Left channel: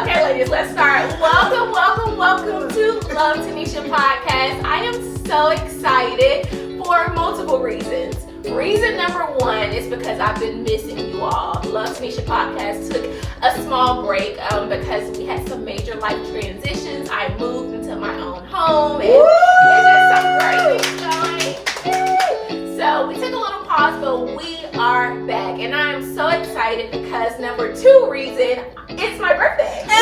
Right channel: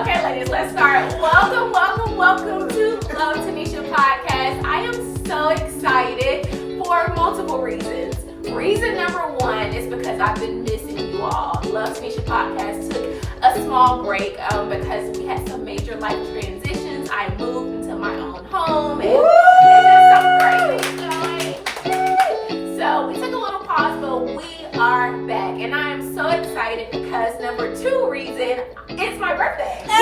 Okay, ladies, let's start. Welcome to LoveTenisha podcast. I am so excited for multiple reasons. Reason number one is because I've been missing you all. LoveTenisha podcast took a small break because we had some major life transitions. I moved into my own home and it's just some great things going. So we took a little pause, but we are back, and I am so excited because number two reason, it's my birthday. And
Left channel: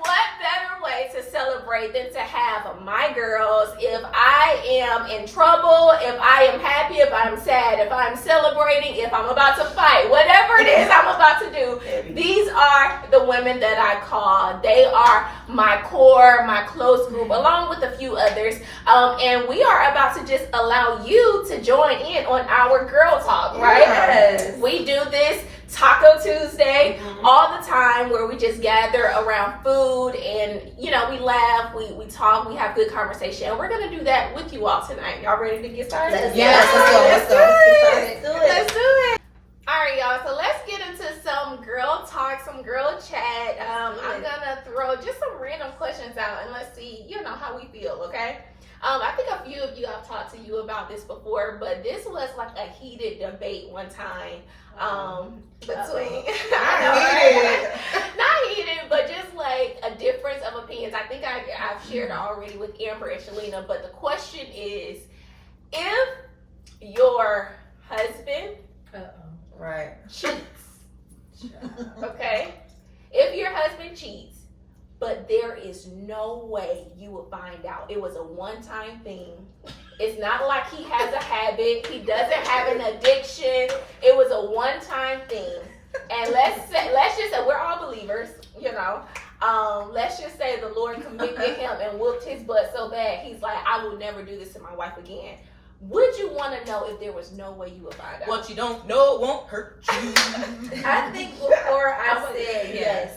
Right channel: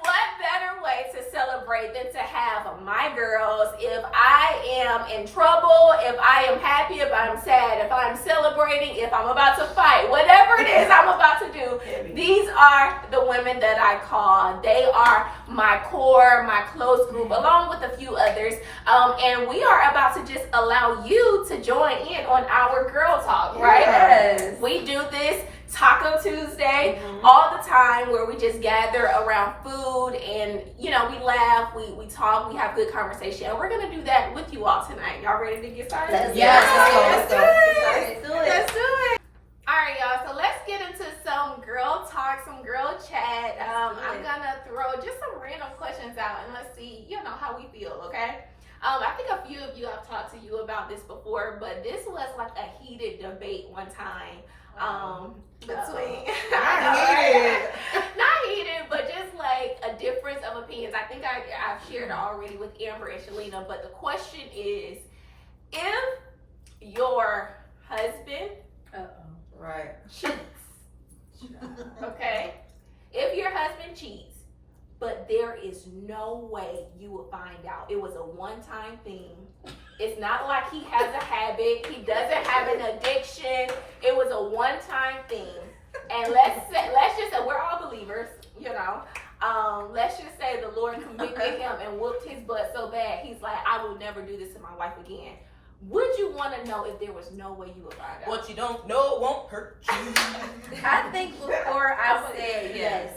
what better way to celebrate than to have my girls? If I am in trouble, if I am happy, if I'm sad, if I'm celebrating, if I'm about to fight, whatever it is I'm about to do, these are the women that I call. They are my core, my close group, along with a few others. And we are about to just allow you to join in on our girl talk, right? Yes. We do this Taco Tuesday all the time, where we just gather around food and, you know, we laugh, we talk, we have good conversation. And we're going to do that with you all tonight. Y'all ready to get started? Let's do it. All right, y'all. So let's get into some girl talk, some girl chat. I'm going to throw just some random questions out and let's see, you know, how we feel, okay? I think a few of you have talked to you about this before, but this was like a heated debate one time between not heated, but just like a difference of opinions. I think I've shared it already with Amber and Shalina, but the question is, if your husband cheats, okay, if your husband cheats, but there is no way you will find out. It was a one-time thing. It's not like he has a habit. He doesn't have an addiction. It was a one-time thing. And let's just say we're all believers, you know. Let's just say the Lord convicted him and whooped his butt so bad. He's like, I will never do this to my wife again. Would you want to know if there was no way you would find out? What you don't know won't hurt you. I think before I said yes.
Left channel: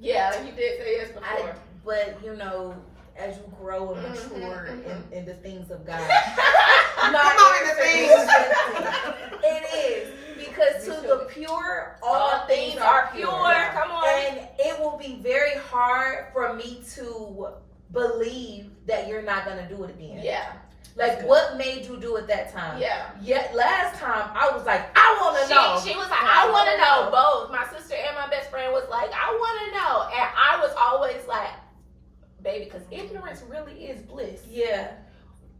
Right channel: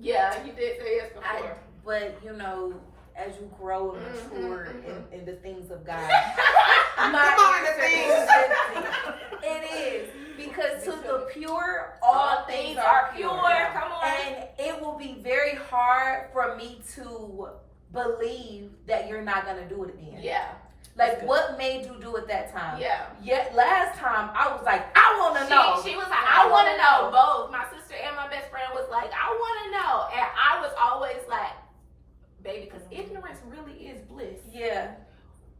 Yeah, you did say yes before. But you know, as you grow and mature in the things of God, it is, because to the pure, all things are pure. Come on. And it will be very hard for me to believe that you're not gonna do it again. Yeah. Like, what made you do it that time? Yeah. Yet last time I was like, I want to know. She was like, I want to know. Both my sister and my best friend was like, I want to know, and I was always like, baby, because ignorance really is bliss. Yeah.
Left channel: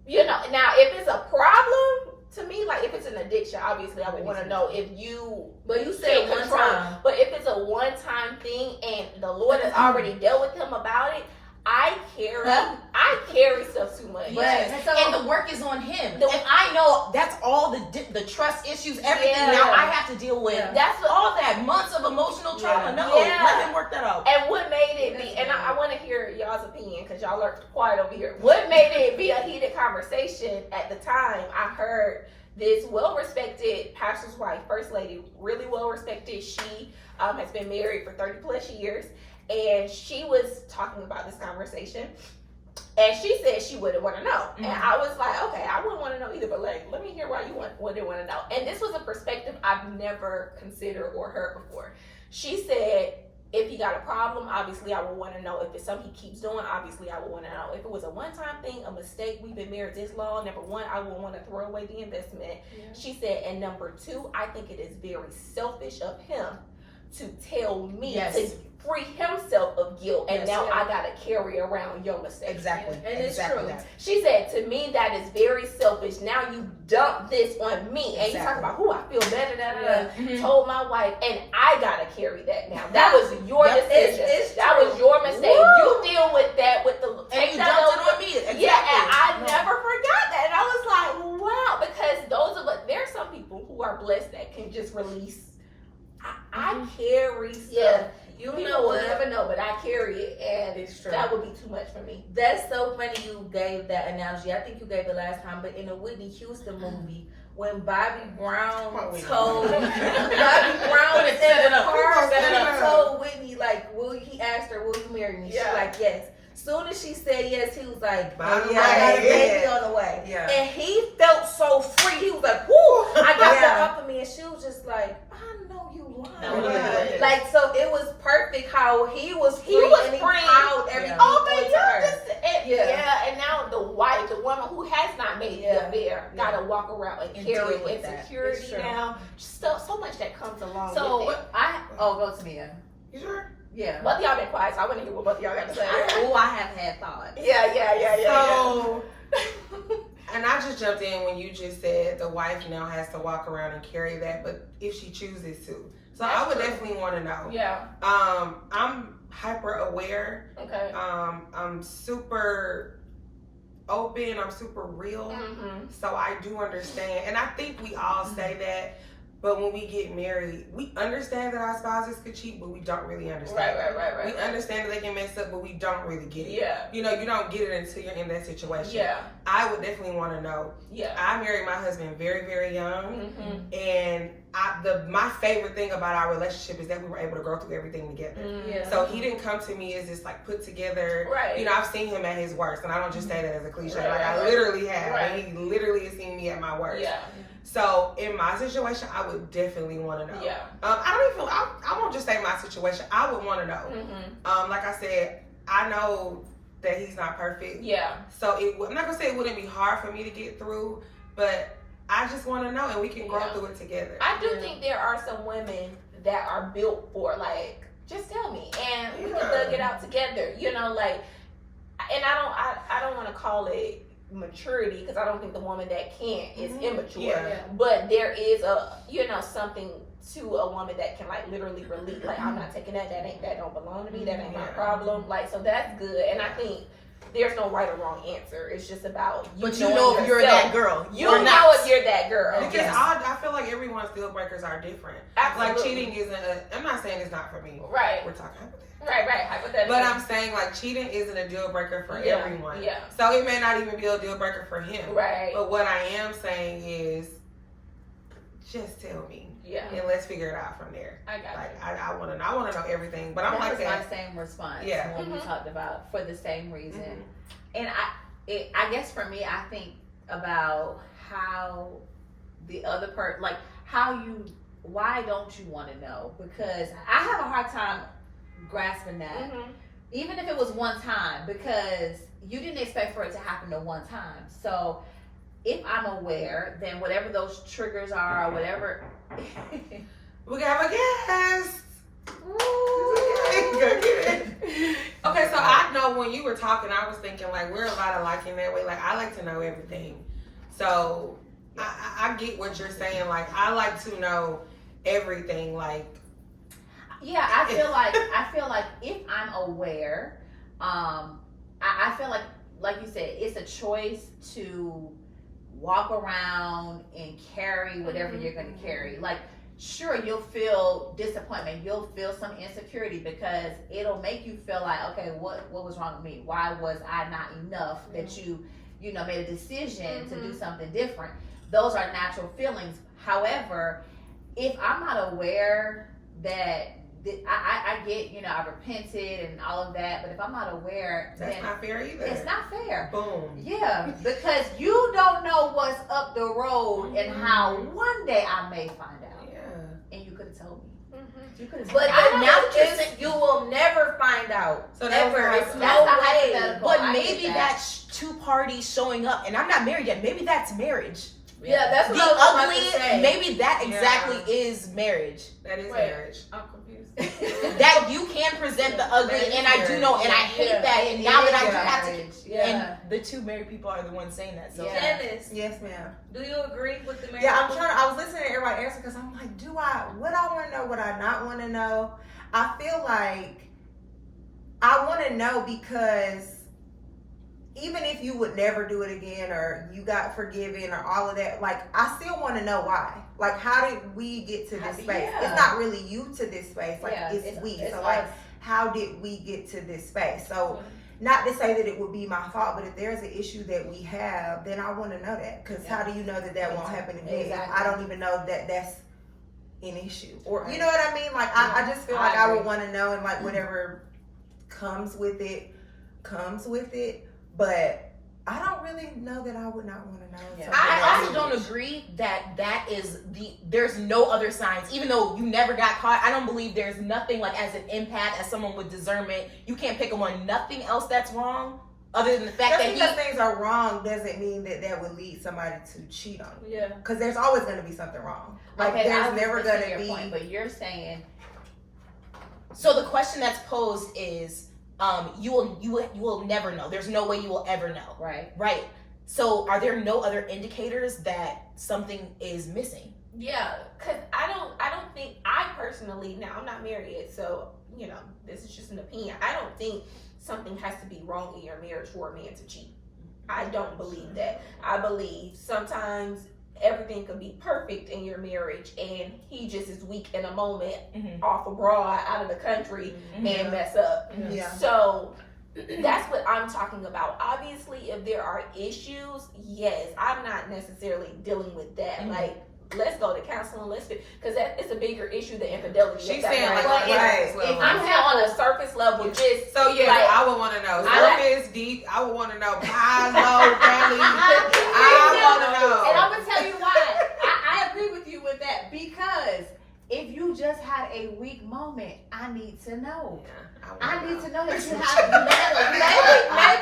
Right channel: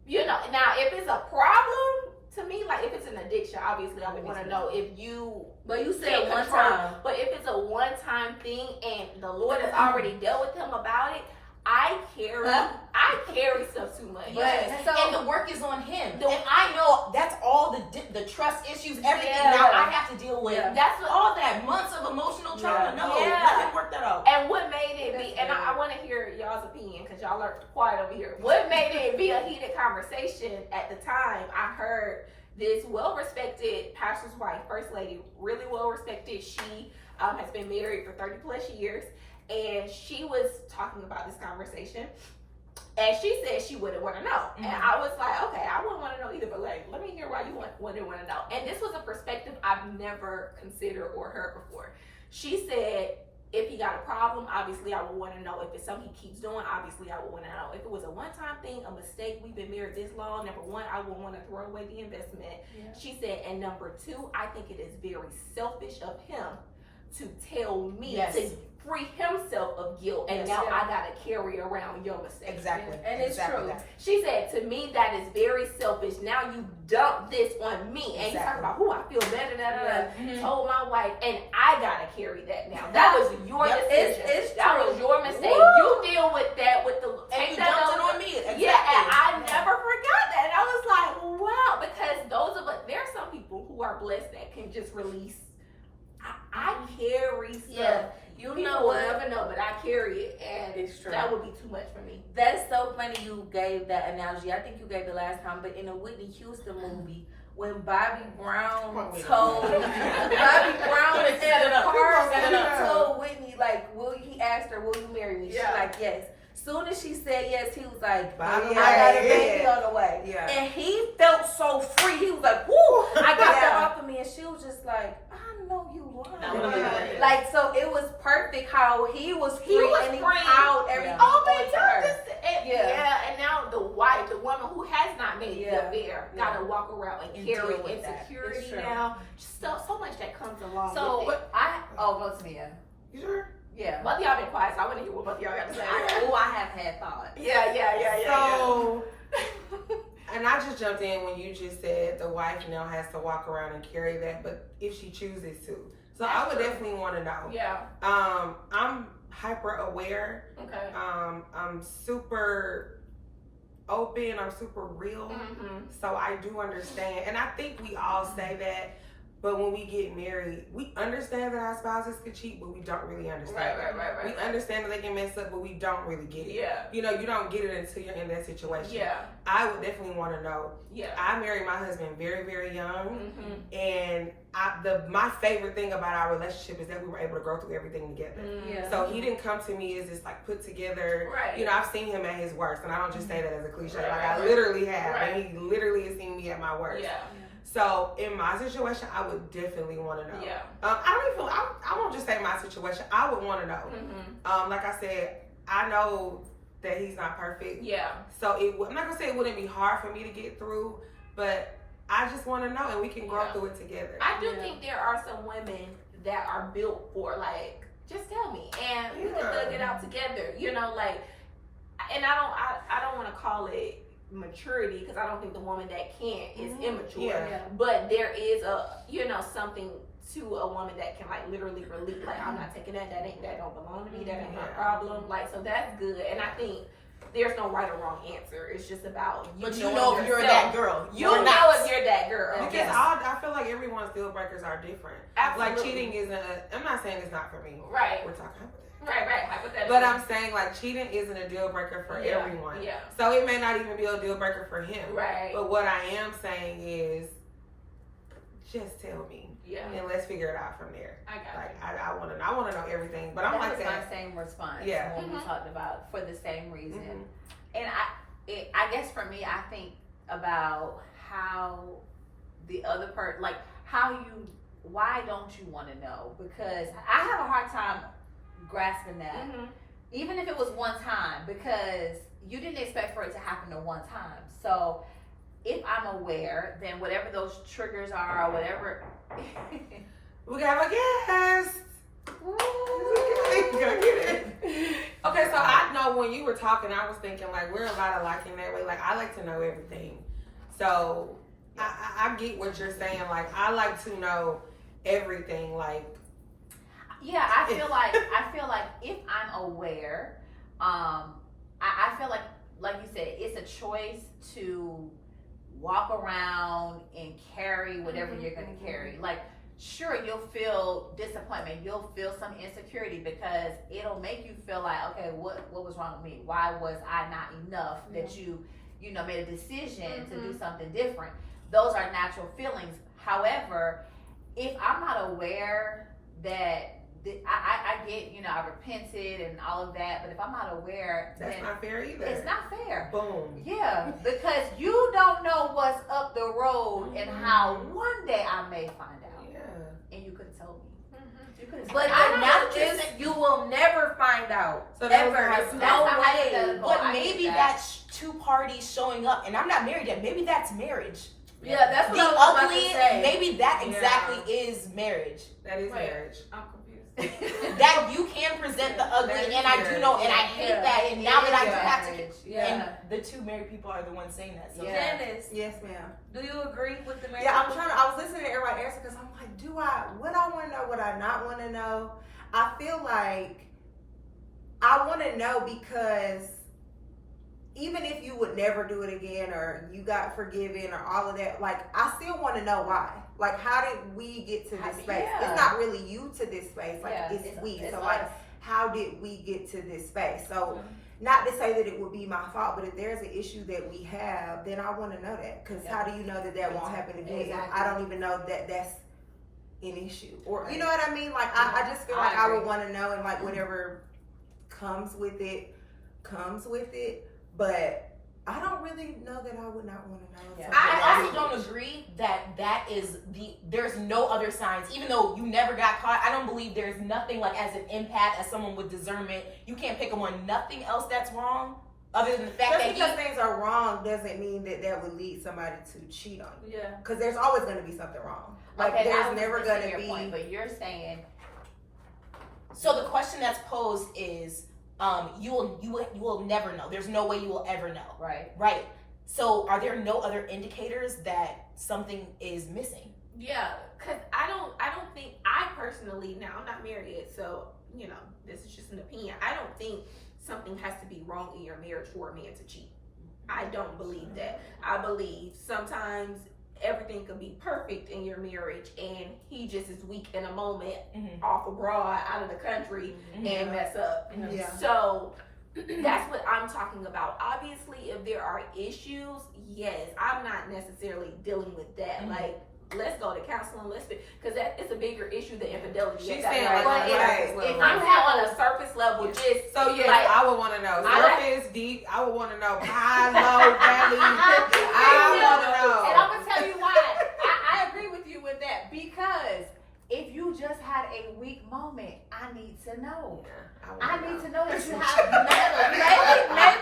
You know. Now, if it's a problem to me, like if it's an addiction, obviously I would want to know if you. But you said one time. But if it's a one-time thing and the Lord has already dealt with him about it, I carry stuff too much. Yes. And the work is on him. And I know that's all the trust issues, everything now I have to deal with. Yeah. That's what, all that months of emotional trauma. Let him work that out. And what made it be, and I want to hear y'all's opinion because y'all are quiet over here. What made it be a heated conversation at the time? I heard this well-respected pastor's wife, first lady, really well-respected. She has been married for 30 plus years. And she was talking about this conversation, and she said she wouldn't want to know. And I was like, okay, I wouldn't want to know either, but like, let me hear why you wouldn't want to know. And this was a perspective I've never considered or heard before. She said, if he got a problem, obviously I would want to know. If it's something he keeps doing, obviously I would want to know. If it was a one-time thing, a mistake, we've been married this long, number one, I would want to throw away the investment. Yeah. She said, and number two, I think it is very selfish of him to tell me to free himself of guilt, and now I gotta carry around your mistakes. Exactly. And it's true. She said, to me, that is very selfish. Now you dump this on me, and you talk about who I feel better than told my wife, and I gotta carry that now. That was your decision. That was your mistake. You deal with that with the take that on me. Exactly. Yeah, and I never forgot that. And I was like, wow, because those of us, there are some people who are blessed that can just release. I carry stuff. Yeah. You People know will what? never know, but I carry it, and it's true. That would be too much for me. That's so funny you gave that analogy. I think you gave it last time, but in a Whitney Houston movie, when Bobby Brown told in the car, he told Whitney, like, he asked her, will you marry me? She's like, yes. Soon as she said yes, he was like, I got a baby on the way. Yeah. And he felt so free. He was like, woo, I got that off of me. And she was just like, I know you lying. Yes. Like, so it was perfect how he was free and he free. piled everything. Oh, but onto her. and now the woman who has not made the affair, gotta walk around and carry insecurity now. So much that comes along with it. Go to Mia. You sure? Yeah. Both of y'all been quiet, so I want to hear what both of y'all got to say. I have had thoughts. Yeah. So, and I just jumped in when you just said the wife now has to walk around and carry that, but if she chooses to. So I would definitely want to know. Yeah. I'm hyper aware. Okay. I'm super open. I'm super real. Mm-hmm. So I do understand, and I think we all say that. But when we get married, we understand that our spouses could cheat, but we don't really understand. Right. We understand that they can mess up, but we don't really get it. Yeah. You know, you don't get it until you're in that situation. Yeah. I would definitely want to know. Yeah. I married my husband very, very young. Mm-hmm. And my favorite thing about our relationship is that we were able to grow through everything together. Mm-hmm. Yeah. So he didn't come to me as this like put together. Right. You know, I've seen him at his worst, and I don't just say that as a cliche. Right, like right, I literally have, right. and he literally has seen me at my worst. Yeah. So in my situation, I would definitely want to know. Yeah. I won't just say my situation. I would want to know. Mm-hmm. Like I said, I know that he's not perfect. Yeah. So I'm not gonna say it wouldn't be hard for me to get through, but I just want to know, and we can grow through it together. I do think there are some women that are built for like, just tell me, and we can thug it out together. You know, like, and I don't want to call it maturity, because I don't think the woman that can't is immature. Yeah. But there is something to a woman that can like literally release, like, I'm not taking that don't belong to me, that ain't my problem. Like, so that's good. And I think there's no right or wrong answer. It's just about you know if you're that girl. You know if you're that girl. Because I feel like everyone's deal breakers are different. Absolutely. Like cheating isn't I'm not saying it's not for me. Right. We're talking about that. Right, hypothetically. But I'm saying like cheating isn't a deal breaker for everyone. Yeah. So it may not even be a deal breaker for him. Right. But what I am saying is, just tell me. Yeah. And let's figure it out from there. I got like I want to know everything. But I'm that like was that. my same response. Yeah. When we talked about for the same reason. Mm-hmm. And I guess for me, I think about how the other person, like why don't you want to know? Because I have a hard time grasping that. Mm-hmm. Even if it was one time, because you didn't expect for it to happen to one time. So if I'm aware, then whatever those triggers are or whatever. We have a guest. Okay, so I know when you were talking, I was thinking like we're a lot alike in that way. Like I like to know everything. So I get what you're saying. Like I like to know everything. Like yeah, I feel like if I'm aware, I feel like you said, it's a choice to walk around and carry whatever you're going to carry. Like, sure, you'll feel disappointment, you'll feel some insecurity, because it'll make you feel like, okay, what was wrong with me? Why was I not enough that you made a decision to do something different? Those are natural feelings. However, if I'm not aware that I get, I repented and all of that, but if I'm not aware, that's not fair either. It's not fair. Boom. Yeah, because you don't know what's up the road and how one day I may find out. Yeah. And you could have told me. You could have. But you will never find out. So never. It's no way. But maybe that's two parties showing up, and I'm not married yet. Maybe that's marriage. Yeah, that's what the I was ugly. about to say. Maybe that exactly is marriage. That is marriage. I'm confused. That you can present the ugly, and I do know, and I hate that. And now that I do have to, and the two married people are the ones saying that. So, Dennis, yes, ma'am. do you agree with the marriage? Yeah, I was listening to everybody answer because I'm like, would I want to know? Would I not want to know? I feel like I want to know because even if you would never do it again or you got forgiven or all of that, like I still want to know why. Like, how did we get to this space? Yeah. It's not really you to this space. Like, it's we. It's so, us. like, how did we get to this space? So, not to say that it would be my fault, but if there's an issue that we have, then I want to know that. Because how do you know that won't happen again? Exactly. I don't even know that that's an issue. Or, you know what I mean? Like, I just feel like I would want to know, and like whatever comes with it. But I don't really know that I would not want to know. Yeah. I also don't agree that is there's no other signs, even though you never got caught. I don't believe there's nothing like as an empath, as someone with discernment, you can't pick up on nothing else that's wrong other than the fact Just that because things are wrong doesn't mean that would lead somebody to cheat on you. Yeah. Because there's always going to be something wrong. Like Okay, there's I was never listening going to be. point, but you're saying So the question that's posed is, you will never know. There's no way you will ever know. right. Right. So are there no other indicators that something is missing? Yeah, because I don't think, I personally, now I'm not married yet, so, you know, this is just an opinion. I don't think something has to be wrong in your marriage for a man to cheat. I don't believe that. I believe sometimes everything could be perfect in your marriage and he just is weak in a moment, off abroad, out of the country, and mess up. Yeah. So that's what I'm talking about. Obviously, if there are issues, yes, I'm not necessarily dealing with that. Like, let's go to counseling. Because it's a bigger issue than infidelity. She's That's saying right. like But if I'm on a surface level, just so yeah, like, I would want to know. Surface, deep. I would want to know high, low, valley. I want to know. And I'm gonna tell you why. I agree with you with that, because if you just had a weak moment, I need to know. I need to know that you have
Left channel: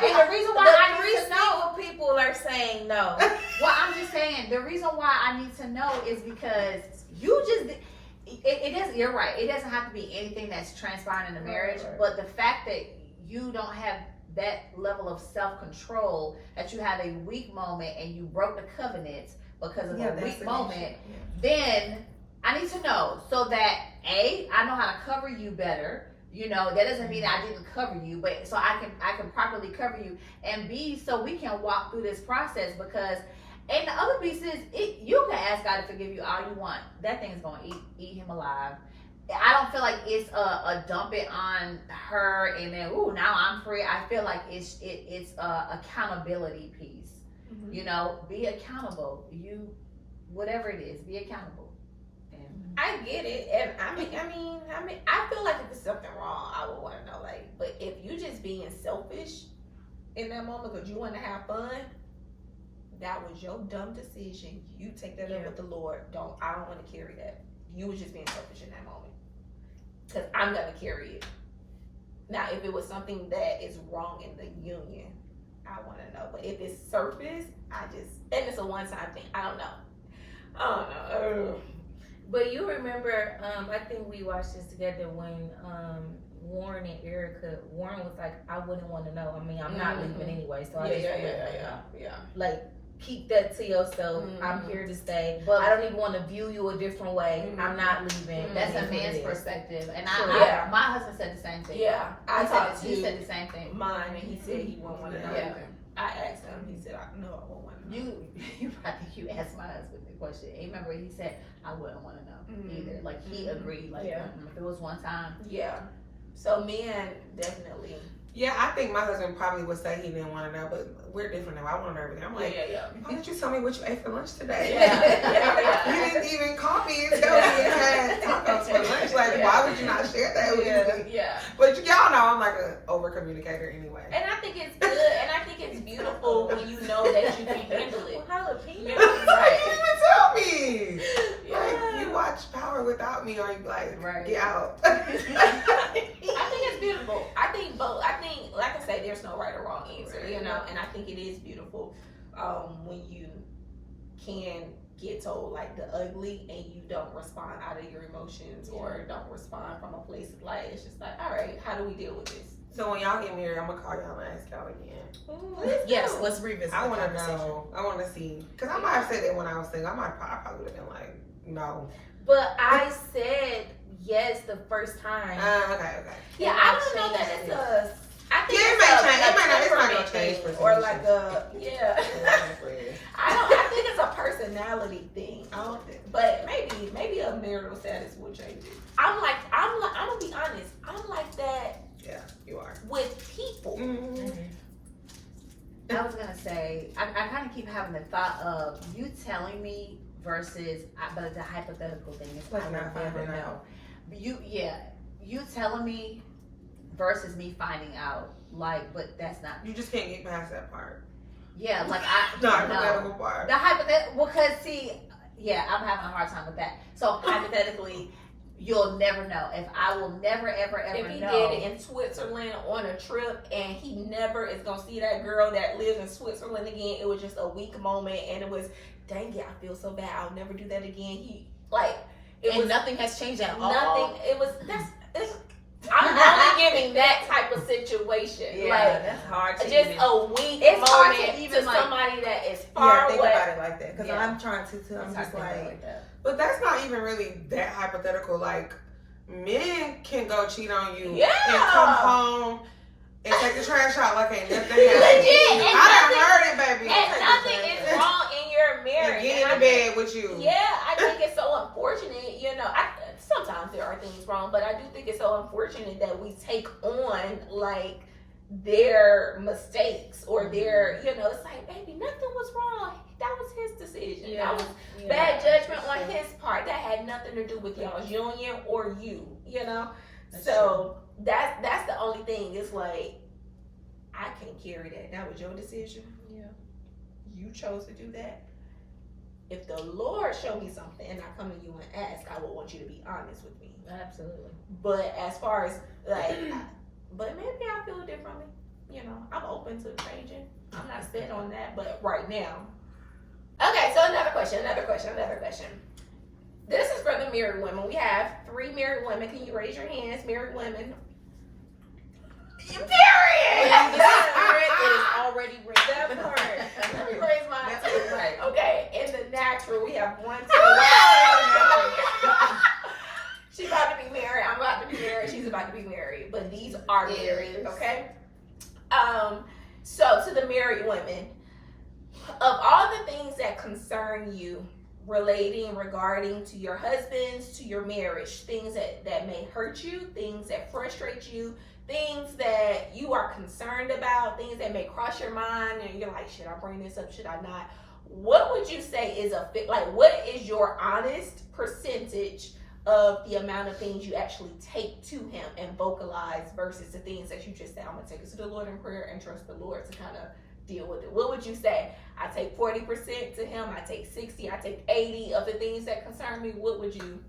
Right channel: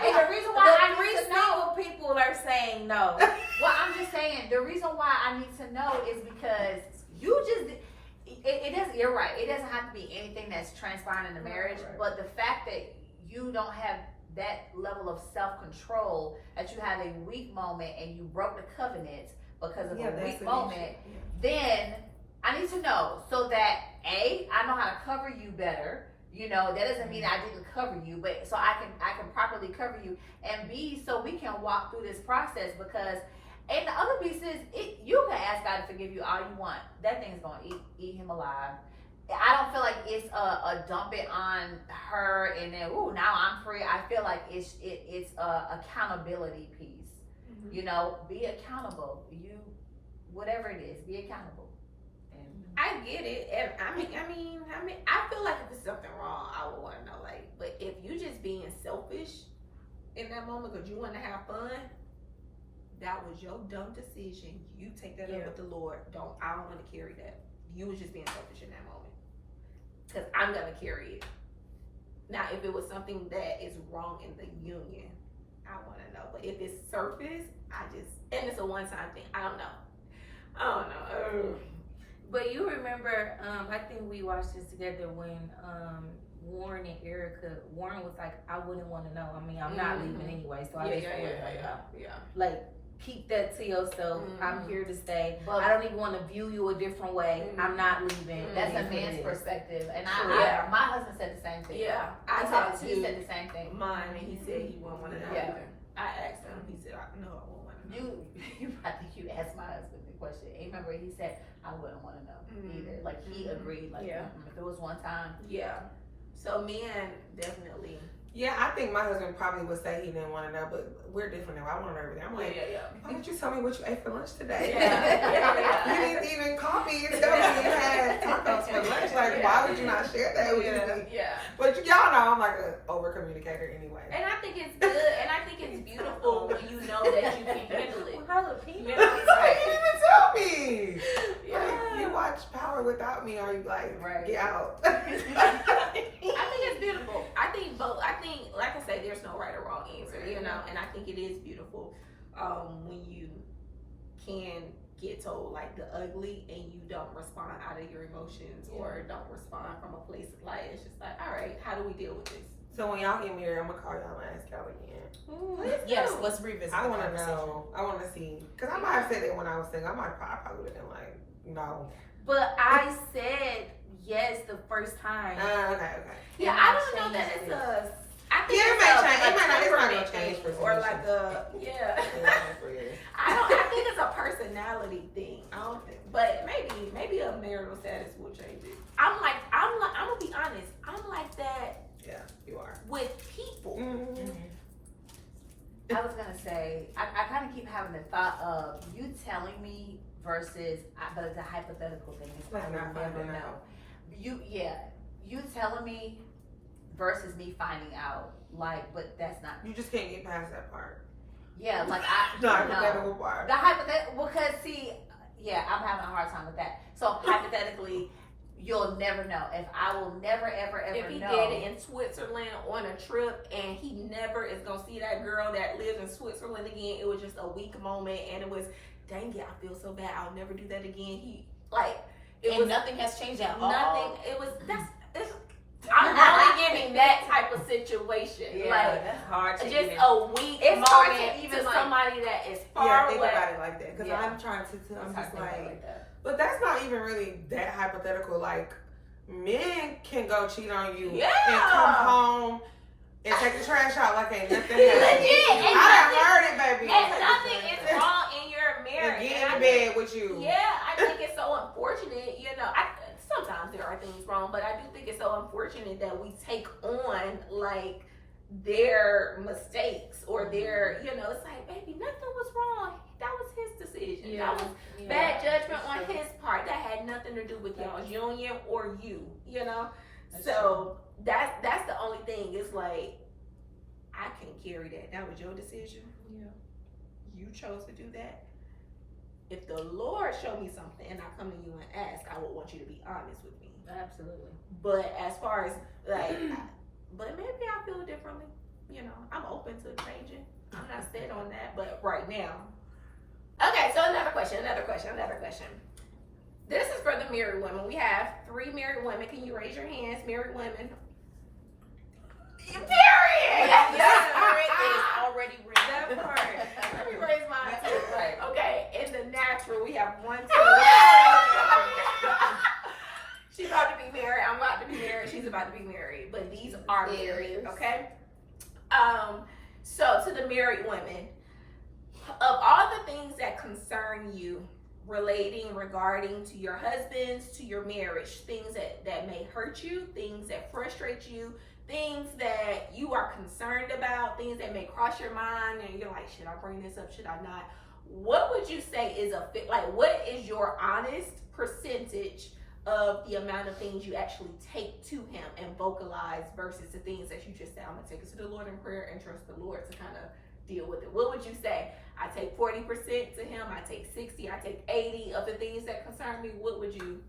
maybe the reason why I need to know. People are saying no. Well, I'm just saying the reason why I need to know is because you just. It doesn't. You're right. It doesn't have to be anything that's transpiring in the marriage, but the fact that you don't have that level of self-control, that you had a weak moment and you broke the covenant because of a weak moment, then I need to know so that A, I know how to cover you better. You know, that doesn't mean I didn't cover you, but so I can properly cover you, and B, so we can walk through this process. Because, and the other piece is, you can ask God to forgive you all you want. That thing's gonna eat him alive. I don't feel like it's a dump it on her and then now I'm free. I feel like it's a accountability piece. You know, be accountable. You, whatever it is, be accountable. I get it, and I mean, I feel like if there's something wrong, I would want to know. Like, but if you just being selfish in that moment because you want to have fun, that was your dumb decision. You take that up with the Lord. I don't want to carry that. You was just being selfish in that moment, because I'm gonna carry it. Now, if it was something that is wrong in the union, I want to know. But if it's surface, and it's a one-time thing. I don't know. But you remember, I think we watched this together when Warren and Erica, Warren was like, I wouldn't want to know. I mean, I'm not leaving anyway, so I just wouldn't want to know. Like, keep that to yourself. I'm here to stay. But I don't even want to view you a different way. I'm not leaving. That's a man's perspective. And my husband said the same thing. Yeah. He said the same thing. Mine, and he said he wouldn't want to know. Yeah. I asked him. He said, "No, I won't want to know." I think you asked my husband the question. And remember, he said, "I wouldn't want to know either." Like he agreed. Like if it was one time. Yeah. So men definitely. Yeah, I think my husband probably would say he didn't want to know, but we're different now. I want to know everything. I'm like, why didn't you tell me what you ate for lunch today? You didn't even call me and tell me you had tacos for lunch. Like, why would you not share that with me? Yeah. But y'all know I'm like an over communicator anyway. And I think it's good, and I think it's beautiful when you know that you can handle it. Jalapeno. Right. You didn't even tell me. Like, you watch Power without me, or you like, get out. I think it's beautiful. I think both. I think, like I say, there's no right or wrong answer, you know. And I think it is beautiful when you can get told like the ugly and you don't respond out of your emotions or don't respond from a place of like, it's just like, all right, how do we deal with this? So when y'all get married, I'm gonna call y'all and ask y'all again. Yes, let's revisit. I want to know. I want to see, because I might have said that when I was single. I probably would have been like, no. But I said yes the first time. Okay. Yeah, I don't know that it's a. I think it it's may a change. It might not temperament change thing, for or like a I think it's a personality thing. I don't think, but maybe a marital status will change it. I'm gonna be honest. I'm like that. Yeah, you are with people. I was gonna say, I kind of keep having the thought of you telling me versus, but it's a hypothetical thing. It's I will never know. You telling me versus me finding out. Like, but that's not. You just can't get past that part. Yeah, like The hypothetical part. The hypothetical, because see, yeah, I'm having a hard time with that. So hypothetically, you'll never know. If I will never, ever, ever If he know. did it in Switzerland on a trip and he never is gonna see that girl that lives in Switzerland again, it was just a weak moment and it was, dang it, I feel so bad. I'll never do that again. Nothing has changed at all. Nothing. I'm only giving that type of situation. Yeah, like that's hard to just even. a weak It's hard to moment even, to like- somebody that is Yeah, far think away. about it like that. Because Yeah. I'm trying to, I'm It's hard just to think about it like, that. But that's not even really that hypothetical. Like, men can go cheat on you Yeah. and come home and take the trash out like ain't nothing happened. Legit, and I done heard it, baby. And Take the nothing trash is out. wrong in your And marriage. get And I in think- bed with you. Yeah, I think it's so unfortunate. Sometimes there are things wrong, but I do think it's so unfortunate that we take on like their mistakes or their, it's like, baby, nothing was wrong. That was his decision. That was bad judgment on his part. That had nothing to do with y'all's union or you. So that's the only thing. It's like I can't carry that. That was your decision. Yeah. You chose to do that. If the Lord showed me something and I come to you and ask, I would want you to be honest with me. Absolutely. But as far as but maybe I feel differently. I'm open to changing. I'm not set on that, but right now. Okay, so another question. This is for the married women. We have 3 married women. Can you raise your hands, married women? Period. The spirit is already ready. That part. Let me raise mine That's too. right. Okay, in the natural, we have 1, 2. She's about to be married. I'm about to be married. She's about to be married. But these are married, okay? So to the married women, of all the things that concern you regarding to your husbands, to your marriage, things that may hurt you, things that frustrate you, things that you are concerned about, things that may cross your mind and you're like, should I bring this up, should I not? What would you say is what is your honest percentage of the amount of things you actually take to him and vocalize versus the things that you just say, I'm gonna take it to the Lord in prayer and trust the Lord to kind of deal with it? What would you say? I take 40% to him, I take 60, I take 80 of the things that concern me. What would you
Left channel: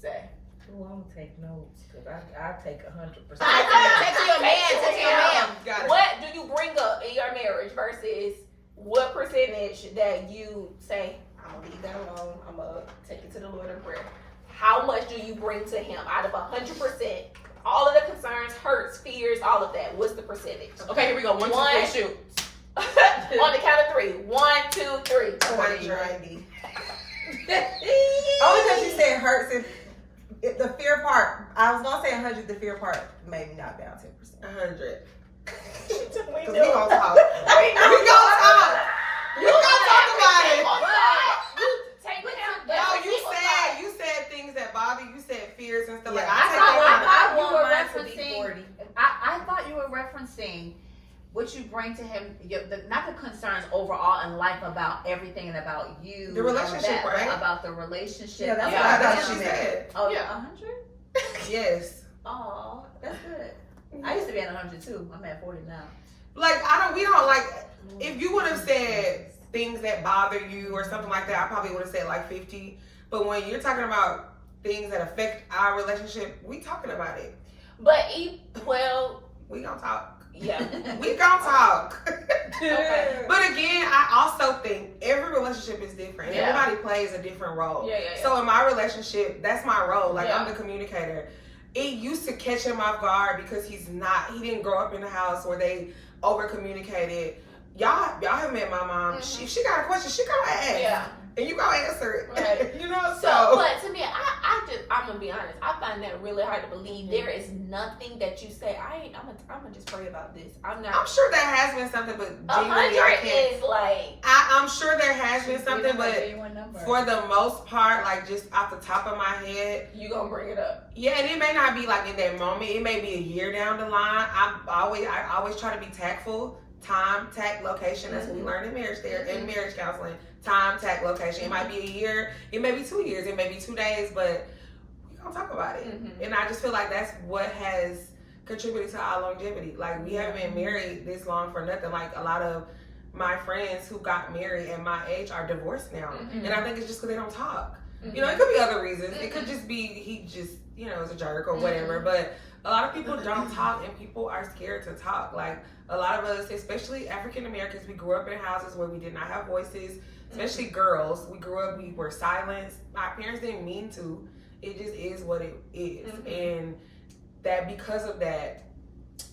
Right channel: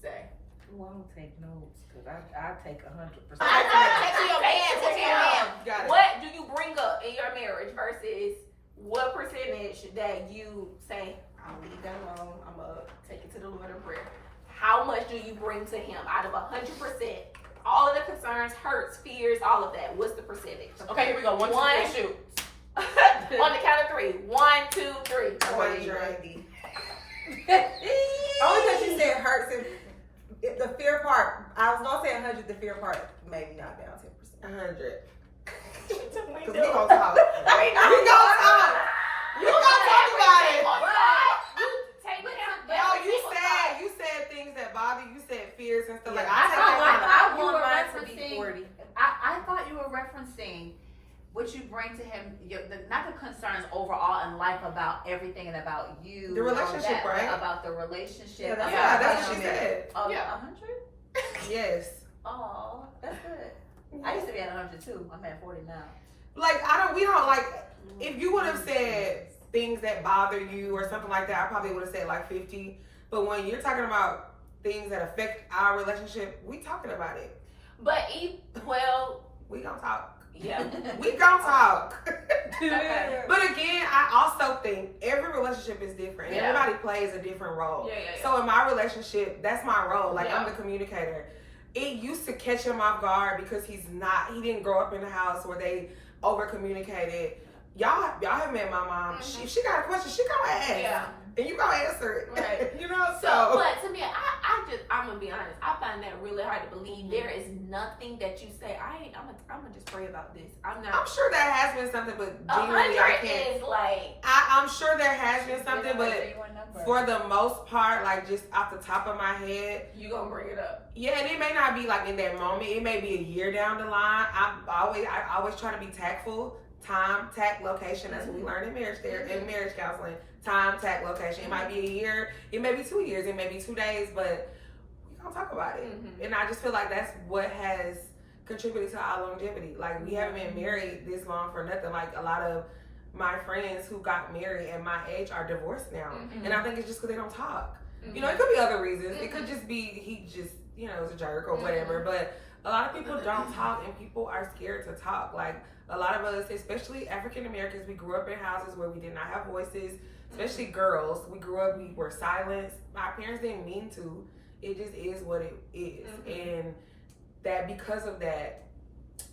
say? Well, I don't take notes because I take 100%. Text to your man. Got it. What do you bring up in your marriage versus what percentage that you say, I'll leave that alone, I'm gonna take it to the Lord in prayer? How much do you bring to him out of 100%? All of the concerns, hurts, fears, all of that. What's the percentage? Okay, here we go. 1, 2, 3, shoot. On the count of 3. 1, 2, 3. 20, 90. Only because you said hurts if the fear part, I was gonna say 100, the fear part made me knock down 10%. 100. We Cause we do. gonna talk. We We gonna talk. You We gonna talk about it. You take it out. No, you said things that bother you. Said fears and stuff like. Yeah. I take I it. thought you want were mine to be referencing. 40. I thought you were referencing what you bring to him, not the concerns overall in life about everything and about you. The relationship, and all that, right? but about the relationship. Yeah, that's about what That's him. what she said. Oh, Yeah. 100? Yes. Oh, that's good. I used to be at 100 too. I'm at 40 now. Like we don't like. If you would have said things that bother you or something like that, I probably would have said like 50. But when you're talking about things that affect our relationship, we talking about it. But We gonna talk. yeah. We gonna talk. Okay. But again, I also think every relationship is different. Yeah. Everybody plays a different role. Yeah. So in my relationship, that's my role. Like Yeah. I'm the communicator. It used to catch him off guard because he didn't grow up in the house where they over communicated. Y'all have met my mom. Mhm. If she got a question, she gonna ask. Yeah. And you gonna answer it. Right. You know, So, but to me, I'm gonna be honest. I find that really hard to believe. There is nothing that you say. I'm gonna just pray about this. I'm I'm not. sure there has been something, but genuinely I 100 can't. is like. I'm sure there has been something, but number. for the most part, like just off the top of my head, You gonna bring it up? yeah, and it may not be like in that moment. It may be a year down the line. I always try to be tactful. Time, tact, location. That's what we learn in marriage in marriage counseling. Time, tact, location. It might be a year. It may be 2 years. It may be 2 days, but we gonna talk about it. Mhm. And I just feel like that's what has contributed to our longevity. Like we haven't been married this long for nothing. Like a lot of my friends who got married at my age are divorced now. Mm-hmm. And I think it's just because they don't talk. Mm-hmm. You know, it could be other reasons. It could just be he just, you know, is a jerk or whatever. But a lot of people don't talk, and people are scared to talk. Like, a lot of us, especially African Americans, we grew up in houses where we did not have voices, especially girls. We grew up, we were silenced. My parents didn't mean to. It just is what it is. And that because of that,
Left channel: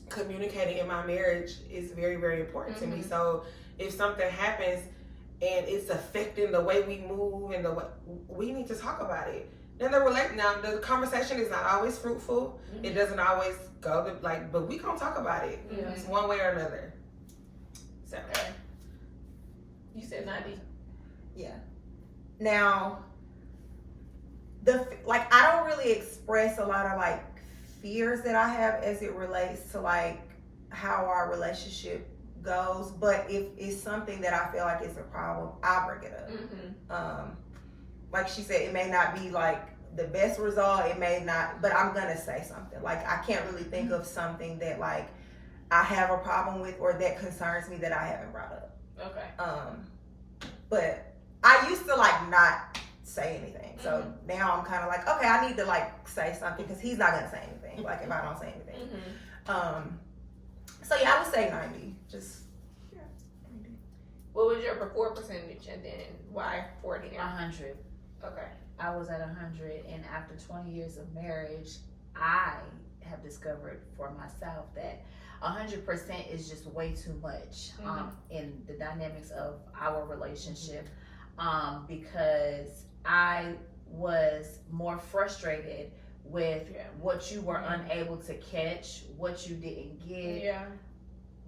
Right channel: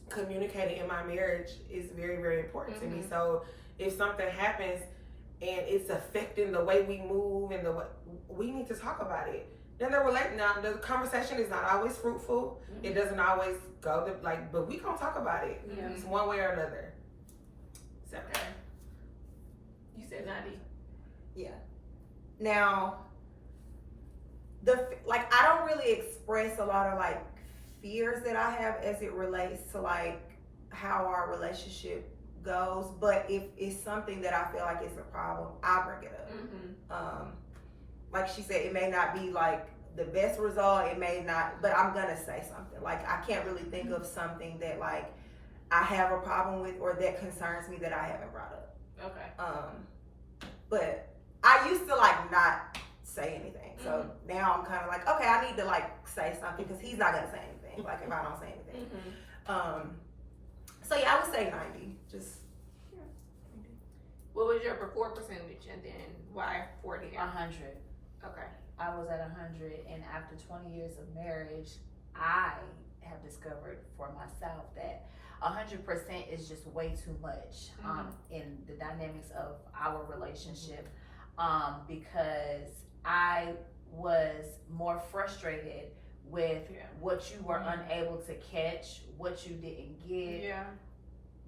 communicating in my marriage is very, very important to me. So if something happens and it's affecting the way we move and the way, we need to talk about it. Then the conversation is not always fruitful. It doesn't always go to, like, but we gonna talk about it. It's one way or another. So You said 90. Yeah. Now, I don't really express a lot of like fears that I have as it relates to like how our relationship goes, but if it's something that I feel like is a problem, I'll bring it up. Like she said, it may not be like the best result, it may not, but I'm gonna say something. Like, I can't really think of something that like I have a problem with or that concerns me that I haven't brought up. Okay. But I used to like not say anything, so now I'm kind of like, okay, I need to like say something because he's not gonna say anything. Like, if I don't say anything. So yeah, I would say 90. Just 90. What was your before percentage, and then why 40 now? 100. Okay. I was at 100, and after 20 years of marriage, I have discovered for myself that 100% is just way too much in the dynamics of our relationship, because I was more frustrated with what you were unable to catch, what you didn't get,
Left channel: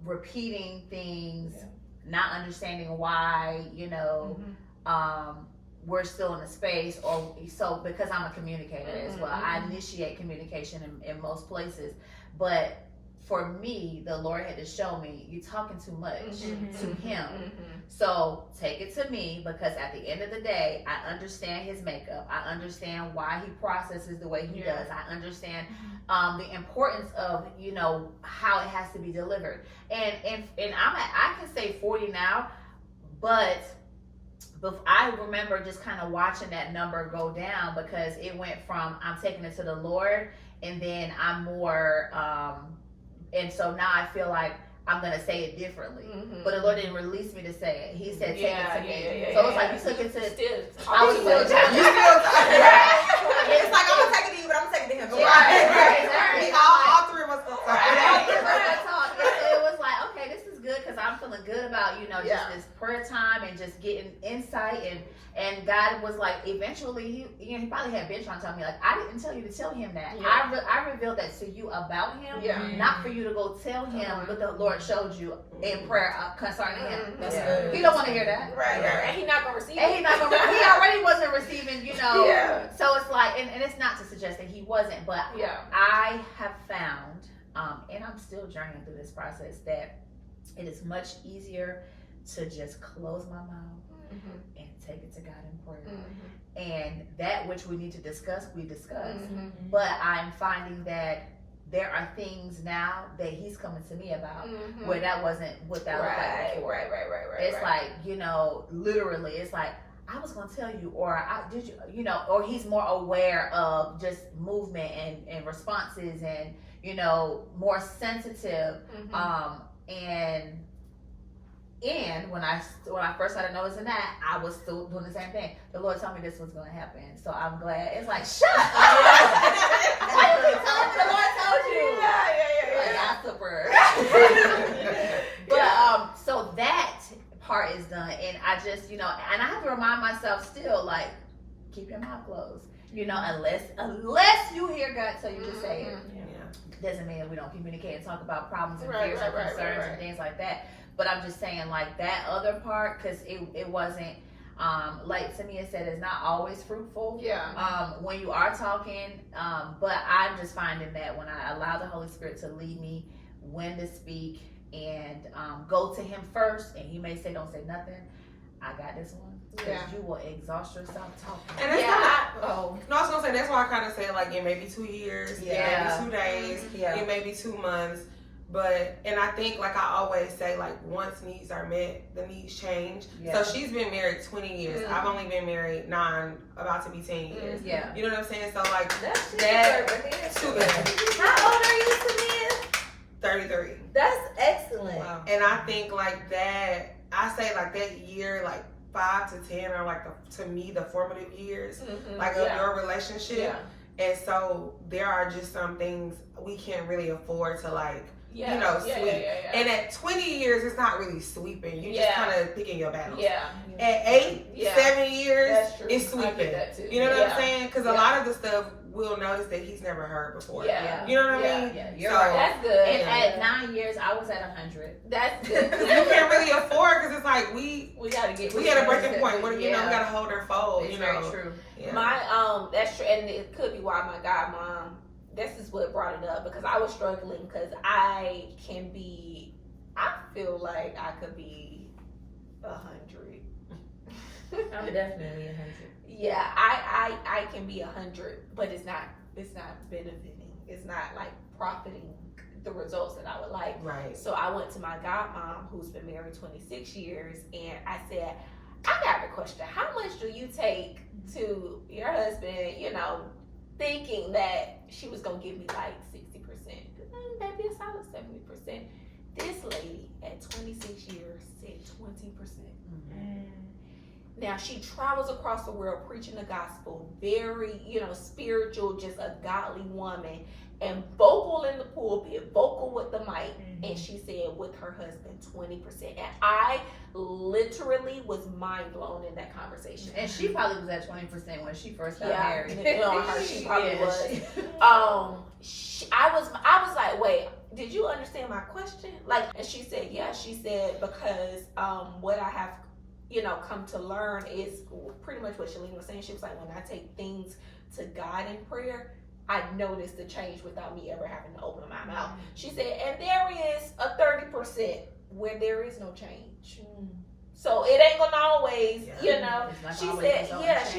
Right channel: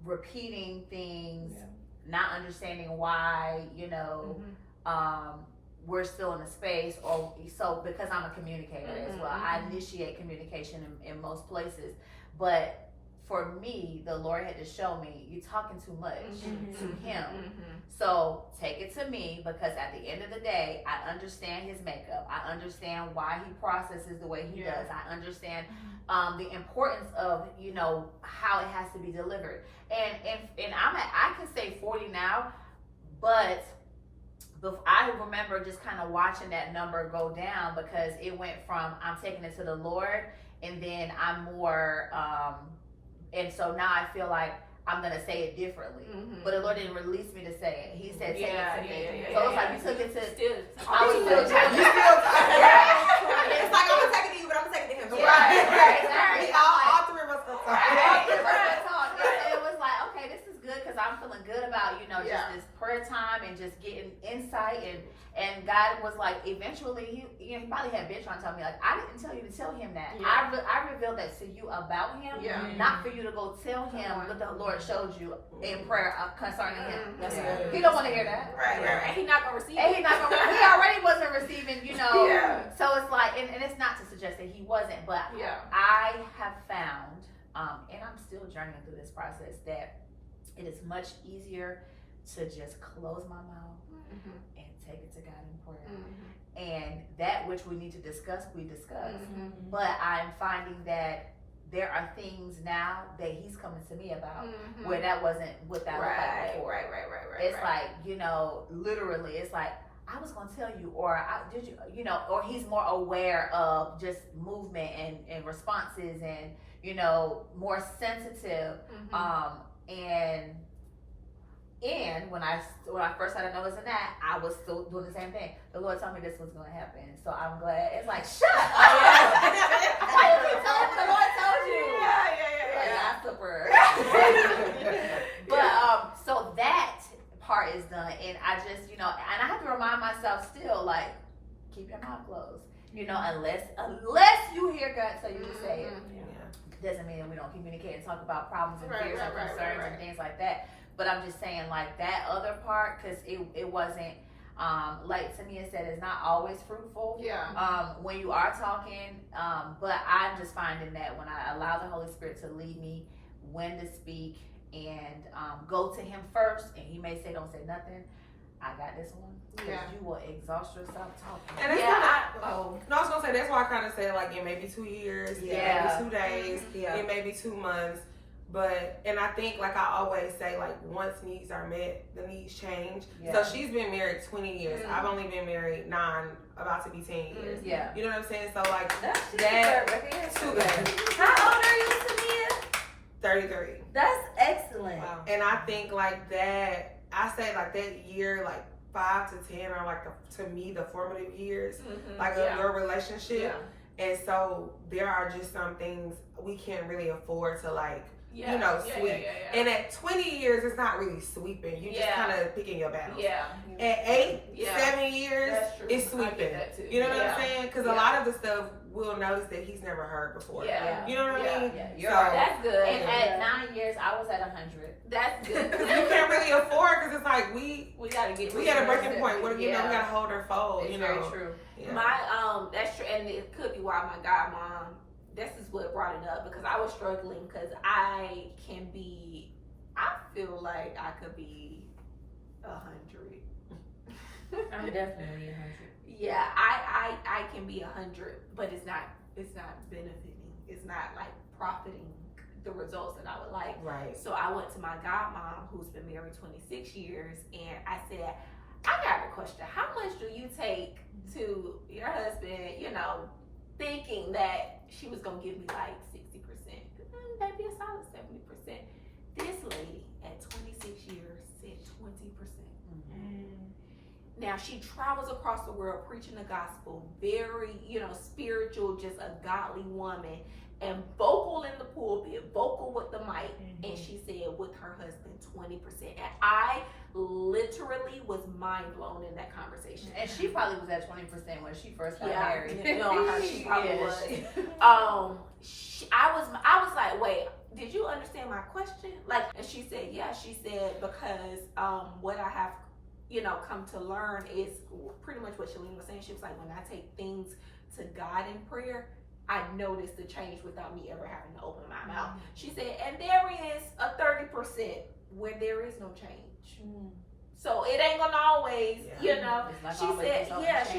repeating things, not understanding why, you know, we're still in a space, or so, because I'm a communicator as well. I initiate communication in most places, but for me, the Lord had to show me, you're talking too much to him. So take it to me, because at the end of the day, I understand his makeup. I understand why he processes the way he does. I understand the importance of, you know, how it has to be delivered. And I can say 40 now, but I remember just kind of watching that number go down, because it went from I'm taking it to the Lord, and then I'm more, and so now I feel like I'm gonna say it differently, but the Lord didn't release me to say it. He said, "Take it to me." So it's like you took it to. I was still trying. It's like, I'm gonna take it to you, but I'm gonna take it to him. Right. All three of us gonna talk. It was like, okay, this is good, because I'm feeling good about, you know, just this prayer time and just getting insight, and God was like, eventually, he probably had been trying to tell me, like, I didn't tell you to tell him that. I revealed that to you about him, not for you to go tell him what the Lord showed you in prayer concerning him. That's good. He don't want to hear that. Right. And he not gonna receive it. He already wasn't receiving, you know. So it's like, and it's not to suggest that he wasn't, but I have found, and I'm still journeying through this process, that it is much easier to just close my mouth and take it to God in prayer. And that which we need to discuss, we discuss. But I'm finding that there are things now that he's coming to me about where that wasn't without before. Right. It's like, you know, literally, it's like, I was gonna tell you, or did you, you know, or he's more aware of just movement and responses, and, you know, more sensitive. And when I first started noticing that, I was still doing the same thing. The Lord told me this was gonna happen, so I'm glad. It's like, shut up. The Lord told you. Like, gossiper. But so that part is done, and I just, you know, and I have to remind myself still, like, keep your mouth closed. You know, unless you hear God tell you to say it. Doesn't mean that we don't communicate and talk about problems and fears and concerns and things like that. But I'm just saying, like, that other part, because it wasn't, like Tamia said, it's not always fruitful. When you are talking, but I'm just finding that when I allow the Holy Spirit to lead me when to speak, and go to him first, and he may say, don't say nothing, I got this one. Because you will exhaust yourself talking. And that's no, I was gonna say, that's why I kind of say, like, it may be 2 years, it may be 2 days, it may be 2 months, and I think, like I always say, like once needs are met, the needs change. So she's been married 20 years. Mm-hmm. I've only been married 9, about to be 10 years. Yeah. You know what I'm saying? So like That's too bad. How old are you, Samia? 33. That's excellent. Wow. And I think like that, I say like that year, like 5 to 10 are like to me the formative years, like of your relationship. And so there are just some things we can't really afford to like, sweep. And at 20 years, it's not really sweeping. You just kind of picking your battles. At 8, 7 years, it's sweeping. You know what I'm saying? Because a lot of the stuff we'll notice that he's never heard before. You know what I mean? Yeah, you're so, right. That's good. And at 9 years, I was at 100. That's good. Because you can't really afford, because it's like we gotta get. We had a breaking point. What we gotta hold our fold. It's very true. Yeah. My that's true, and it could be why my godmom. This is what brought it up, because I was struggling, because I feel like I could be 100. I'm definitely 100. Yeah, I can be 100, but it's not benefiting. It's not like profiting the results that I would like. Right. So I went to my godmom, who's been married 26 years, and I said, I got a question. How much do you take to your husband, thinking that she was going to give me like 60%? Maybe a solid 70%. This lady at 26 years said 20%. Now she travels across the world preaching the gospel, very, spiritual, just a godly woman, and vocal in the pulpit, vocal with the mic. And she said with her husband 20%. And I literally was mind blown in that conversation. And she probably was at 20% when she first got married. She probably was. I was like, wait, did you understand my question? Like, and she said, yeah. She said, because what I have come to learn is pretty much what Shalene was saying. She was like, when I take things to God in prayer, I noticed the change without me ever having to open my mouth. She said, and there is a 30% where there is no change. So it ain't gonna always, She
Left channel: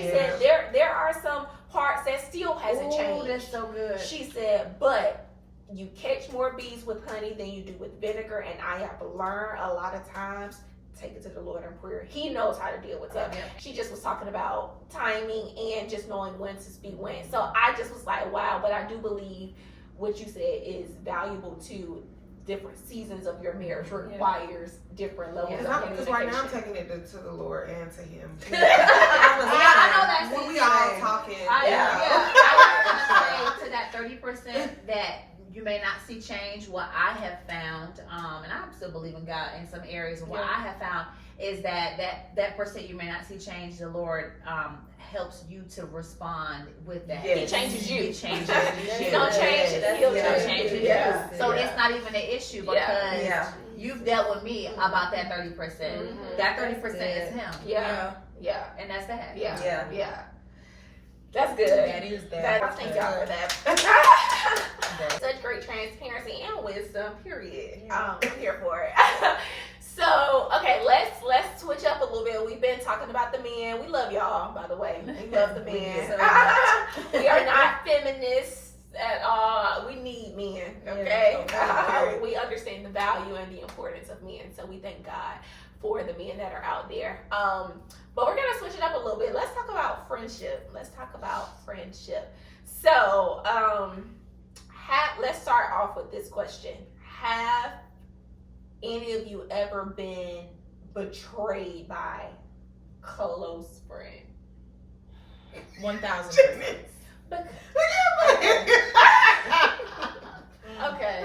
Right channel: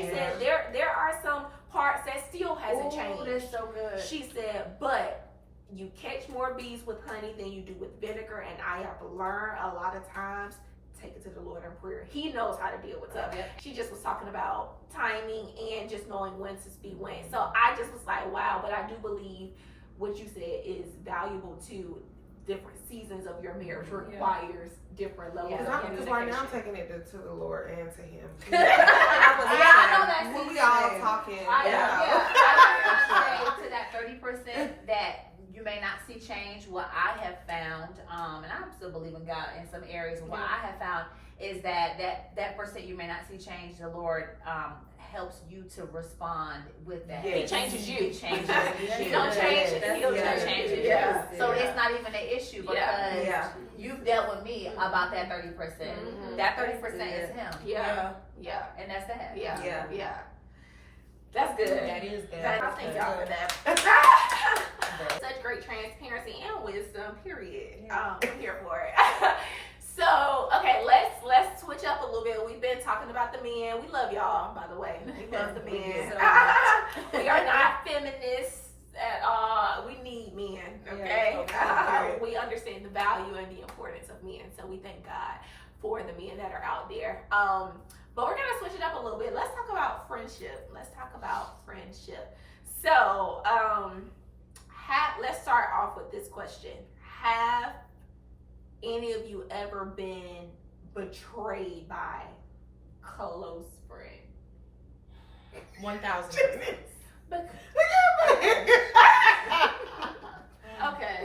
said there are some parts that still hasn't changed. That's so good. She said, but you catch more bees with honey than you do with vinegar, and I have learned a lot of times, take it to the Lord in prayer. He knows how to deal with stuff. She just was talking about timing and just knowing when to speak when. So I just was like, wow, but I do believe what you said is valuable too. Different seasons of your marriage requires different levels of communication. Because right now I'm taking it to the Lord and to Him. I know that. When we all talking. I would say to that 30% that you may not see change. What I have found, and I still believe in God in some areas, what I have found is that percent you may not see change, the Lord helps you to respond with that. He changes you. He changes you. You don't change it, he'll change you. So it's not even an issue because you've dealt with me about that 30%. That 30% is him. And that's that. Yeah. That's good. That is that. I thank y'all for that. Such great transparency and wisdom, period. I'm here for it. So, okay, let's switch up a little bit. We've been talking about the men. We love y'all, by the way. We love the men. We are not feminists at all. We need men, okay? We understand the value and the importance of men, so we thank God for the men that are out there. But we're gonna switch it up a little bit. Let's talk about friendship. So, let's start off with this question. Have any of you ever been betrayed by a close friend? 1,000%. Okay.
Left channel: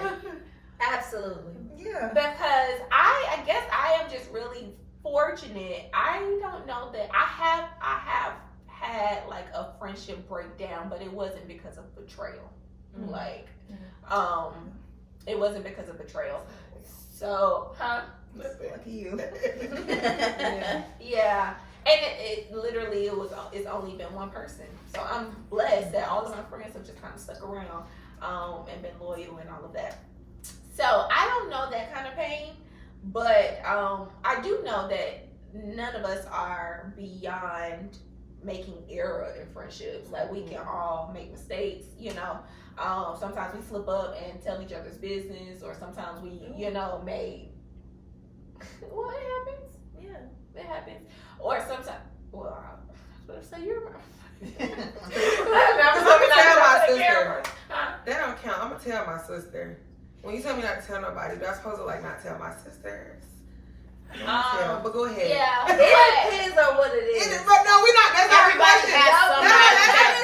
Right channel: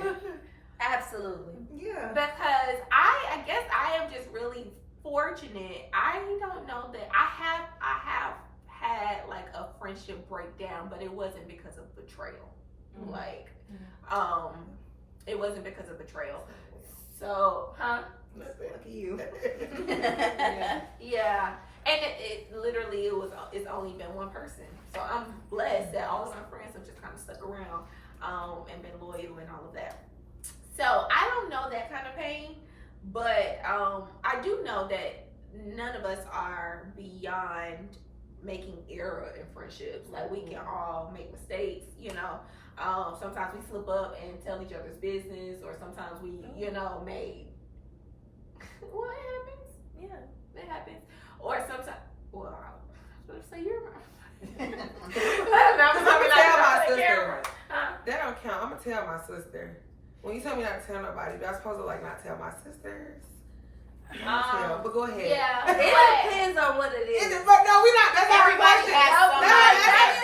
Absolutely. Yeah. Because I guess I am just really fortunate. I don't know that I have had like a friendship breakdown, but it wasn't because of betrayal. It wasn't because of betrayal. So, Lucky you. Yeah. And it literally it's only been one person. So I'm blessed that all of my friends have just kind of stuck around and been loyal and all of that. So I don't know that kind of pain, but I do know that none of us are beyond making error in friendships. Like we can all make mistakes, Sometimes we slip up and tell each other's business, or sometimes we, may. Well, it happens. Yeah, it happens. Or sometimes, well, I was going to say you're right. I'm gonna tell my sister. That don't count. I'm gonna tell my sister. When you tell me not to tell nobody, do I supposed to not tell my sisters? But go ahead. Yeah, it depends on what it is. But no, we're not. That's not the question.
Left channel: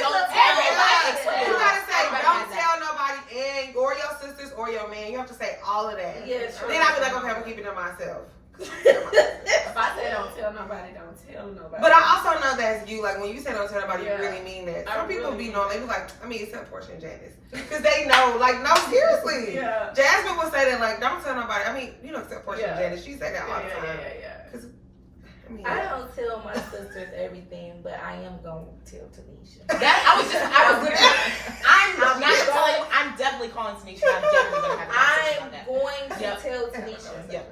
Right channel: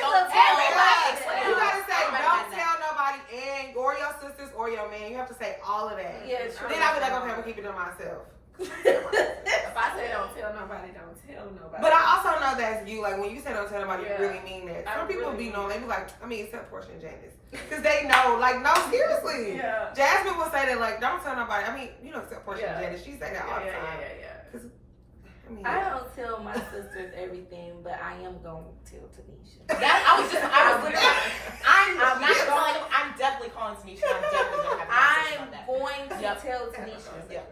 Don't tell everybody. You gotta say don't tell nobody, and or your sisters or your man. You have to say all of that. Yeah, true. Then I'll be like, okay, I'm gonna keep it to myself. If I say don't tell nobody, don't tell nobody. But I also know that's you. Like when you say don't tell nobody, you really mean that. Some people really be knowing. They be like, except Portia and Janice, because they know. Like, no, seriously. Yeah. Jasmine will say that. Like, don't tell nobody. Except Portia and Janice. She say that all the time. Yeah. I don't tell my sisters everything, but I am going to tell Tenisha. I'm definitely calling Tenisha. I'm definitely going to have a conversation about that. I'm going to tell Tenisha.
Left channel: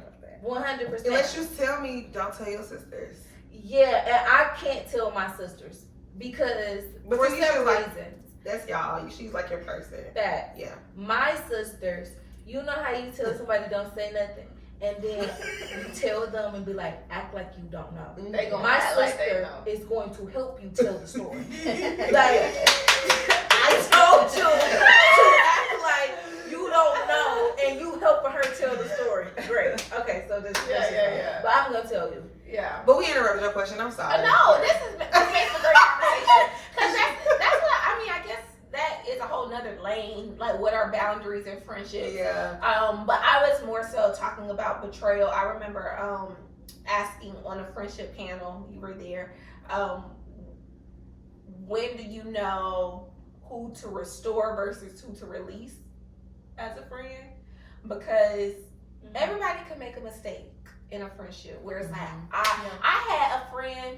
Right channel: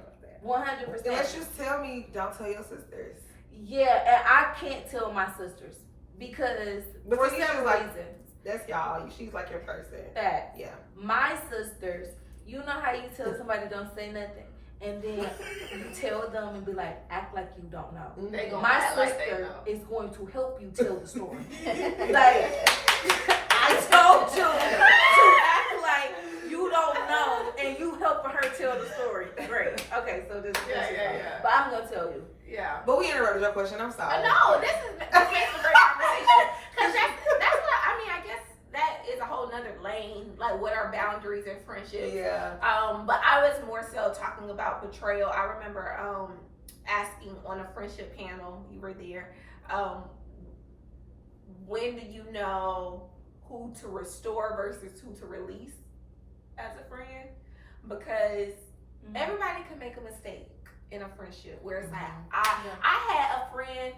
100%. Unless you tell me, don't tell your sisters. Yeah, and I can't tell my sisters because But for Tenisha's some like, reasons. that's y'all. She's like your person. That Yeah. my sisters, you know how you tell somebody don't say nothing, and then you tell them and be like, act like you don't know. They gonna My act like they sister know. is going to help you tell the story. Like I told you to act like you don't know, and you helping her tell the story. Great. Okay, so this. Yeah. But I'm gonna tell you. Yeah. But we interrupted your question. I'm sorry. No, this makes a great conversation. Because that's what, I guess that is a whole nother lane. Like, what are boundaries in friendship? Yeah. But I was more so talking about betrayal. I remember asking on a friendship panel, you were there, when do you know who to restore versus who to release as a friend? Because everybody can make a mistake in a friendship where it's like, I had a friend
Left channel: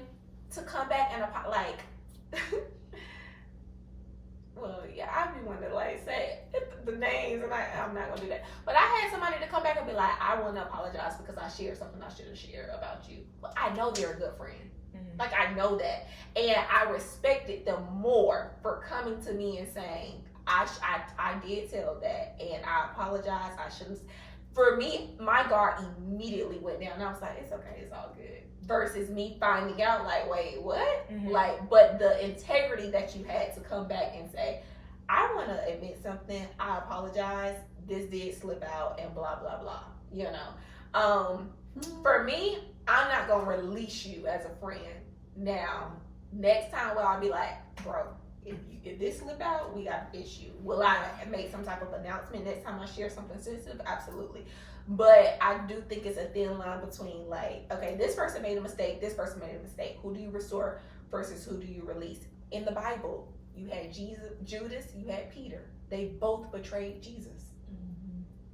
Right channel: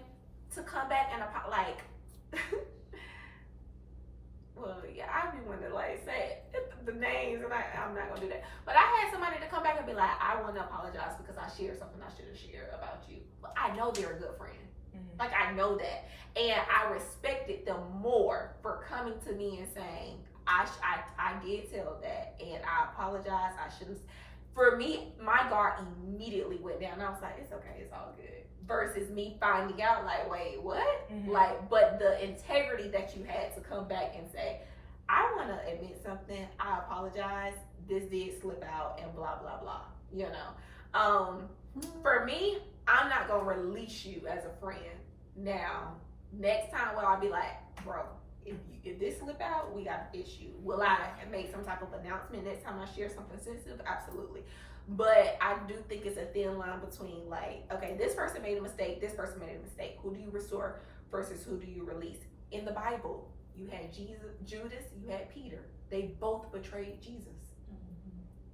to come back and like, well, yeah, I'd be one to say the names, and I'm not gonna do that. But I had somebody to come back and be like, I want to apologize because I shared something I shouldn't share about you. But I know they're a good friend. Like, I know that, and I respected them more for coming to me and saying, I did tell that, and I apologize. I shouldn't. For me, my guard immediately went down. I was like, it's okay, it's all good. Versus me finding out, like, wait, what? Like, but the integrity that you had to come back and say, I want to admit something. I apologize. This did slip out, and blah blah blah. For me, I'm not gonna release you as a friend. Now, next time, I'll be like, bro, if this slip out, we got an issue. Will I make some type of announcement next time I share something sensitive? Absolutely. But I do think it's a thin line between, like, okay, this person made a mistake, this person made a mistake. Who do you restore versus who do you release? In the Bible, you had Judas, you had Peter. They both betrayed Jesus.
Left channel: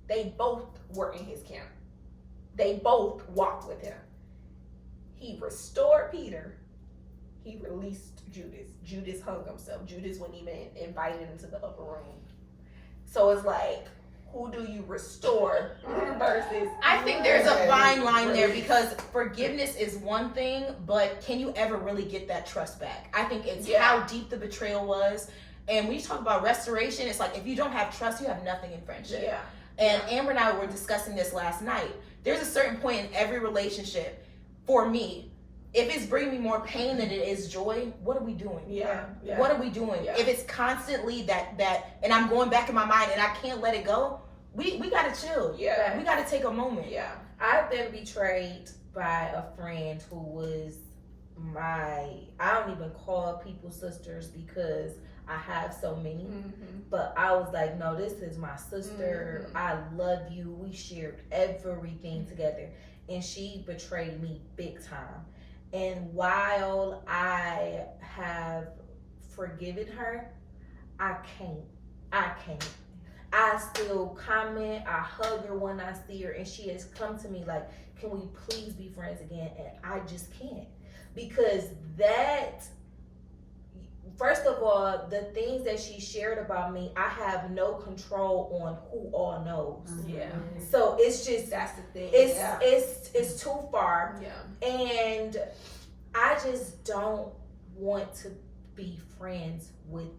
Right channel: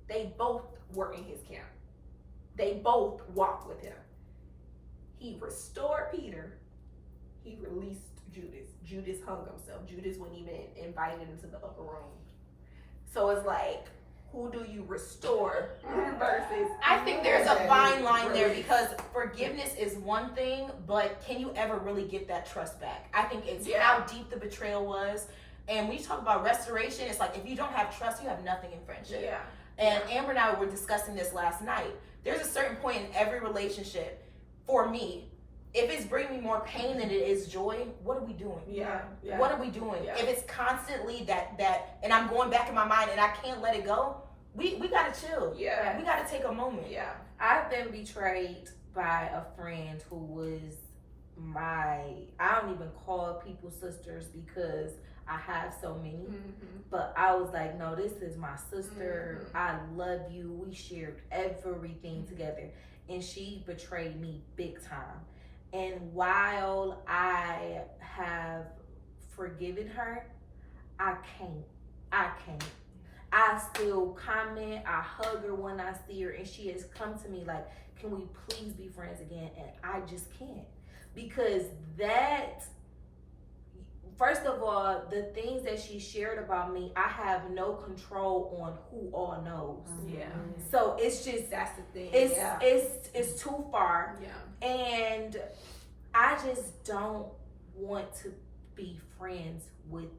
They both were in his camp. They both walked with him. He restored Peter. He released Judas. Judas hung himself. Judas wasn't even invited into the upper room. So it's like, who do you restore versus? I think there's a fine line there, because forgiveness is one thing, but can you ever really get that trust back? I think it's how deep the betrayal was. And when you talk about restoration, it's like, if you don't have trust, you have nothing in friendship. Yeah. And Amber and I were discussing this last night. There's a certain point in every relationship, for me, if it's bringing me more pain than it is joy, what are we doing? Yeah. What are we doing? Yeah. If it's constantly that, and I'm going back in my mind and I can't let it go, we gotta chill. Yeah. We gotta take a moment. Yeah. I've been betrayed by a friend who was I don't even call people sisters because I have so many. But I was like, no, this is my sister. I love you. We shared everything together. And she betrayed me big time. And while I have forgiven her, I can't. I still comment, I hug her when I see her, and she has come to me like, can we please be friends again? And I just can't. Because that, first of all, the things that she shared about me, I have no control on who all knows. Yeah. So it's just, That's the thing. it's too far. Yeah. And I just don't want to be friends with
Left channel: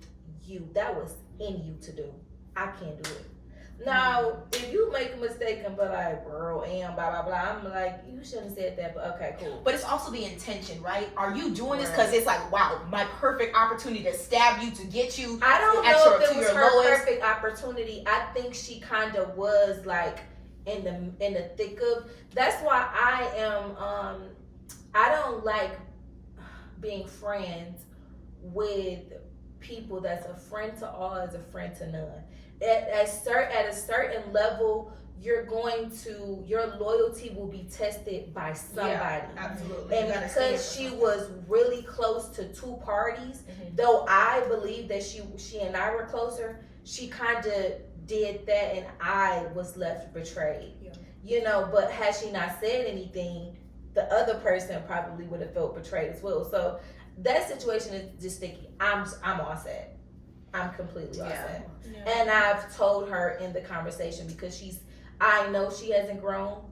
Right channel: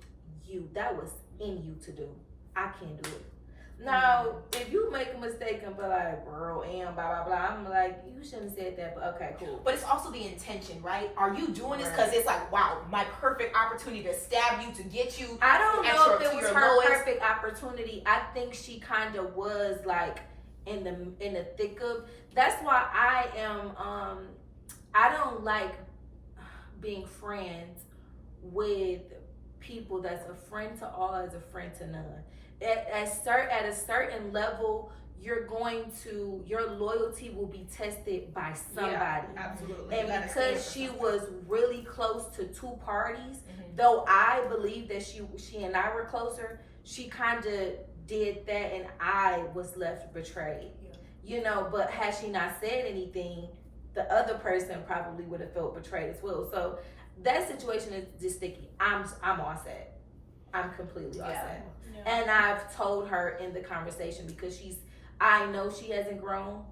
you. That was in you to do. I can't do it. Now, if you make a mistake and be like, girl, and blah, blah, blah, I'm like, you shouldn't have said that, but okay, cool. But it's also the intention, right? Are you doing this because it's like, wow, my perfect opportunity to stab you, to get you? I don't at know your- if it to was your her lowest. perfect opportunity. I think she kind of was like in the thick of. That's why I am. I don't like being friends with people that's a friend to all is a friend to none. At a certain level, your loyalty will be tested by somebody. Yeah, absolutely. And You gotta stand because for she something. was really close to two parties, Mhm. though I believe that she and I were closer, she kind of did that, and I was left betrayed. Yeah. You know, but had she not said anything, the other person probably would have felt betrayed as well. So that situation is just sticky. I'm all set. I'm completely all set. And I've told her in the conversation, because I know she hasn't grown.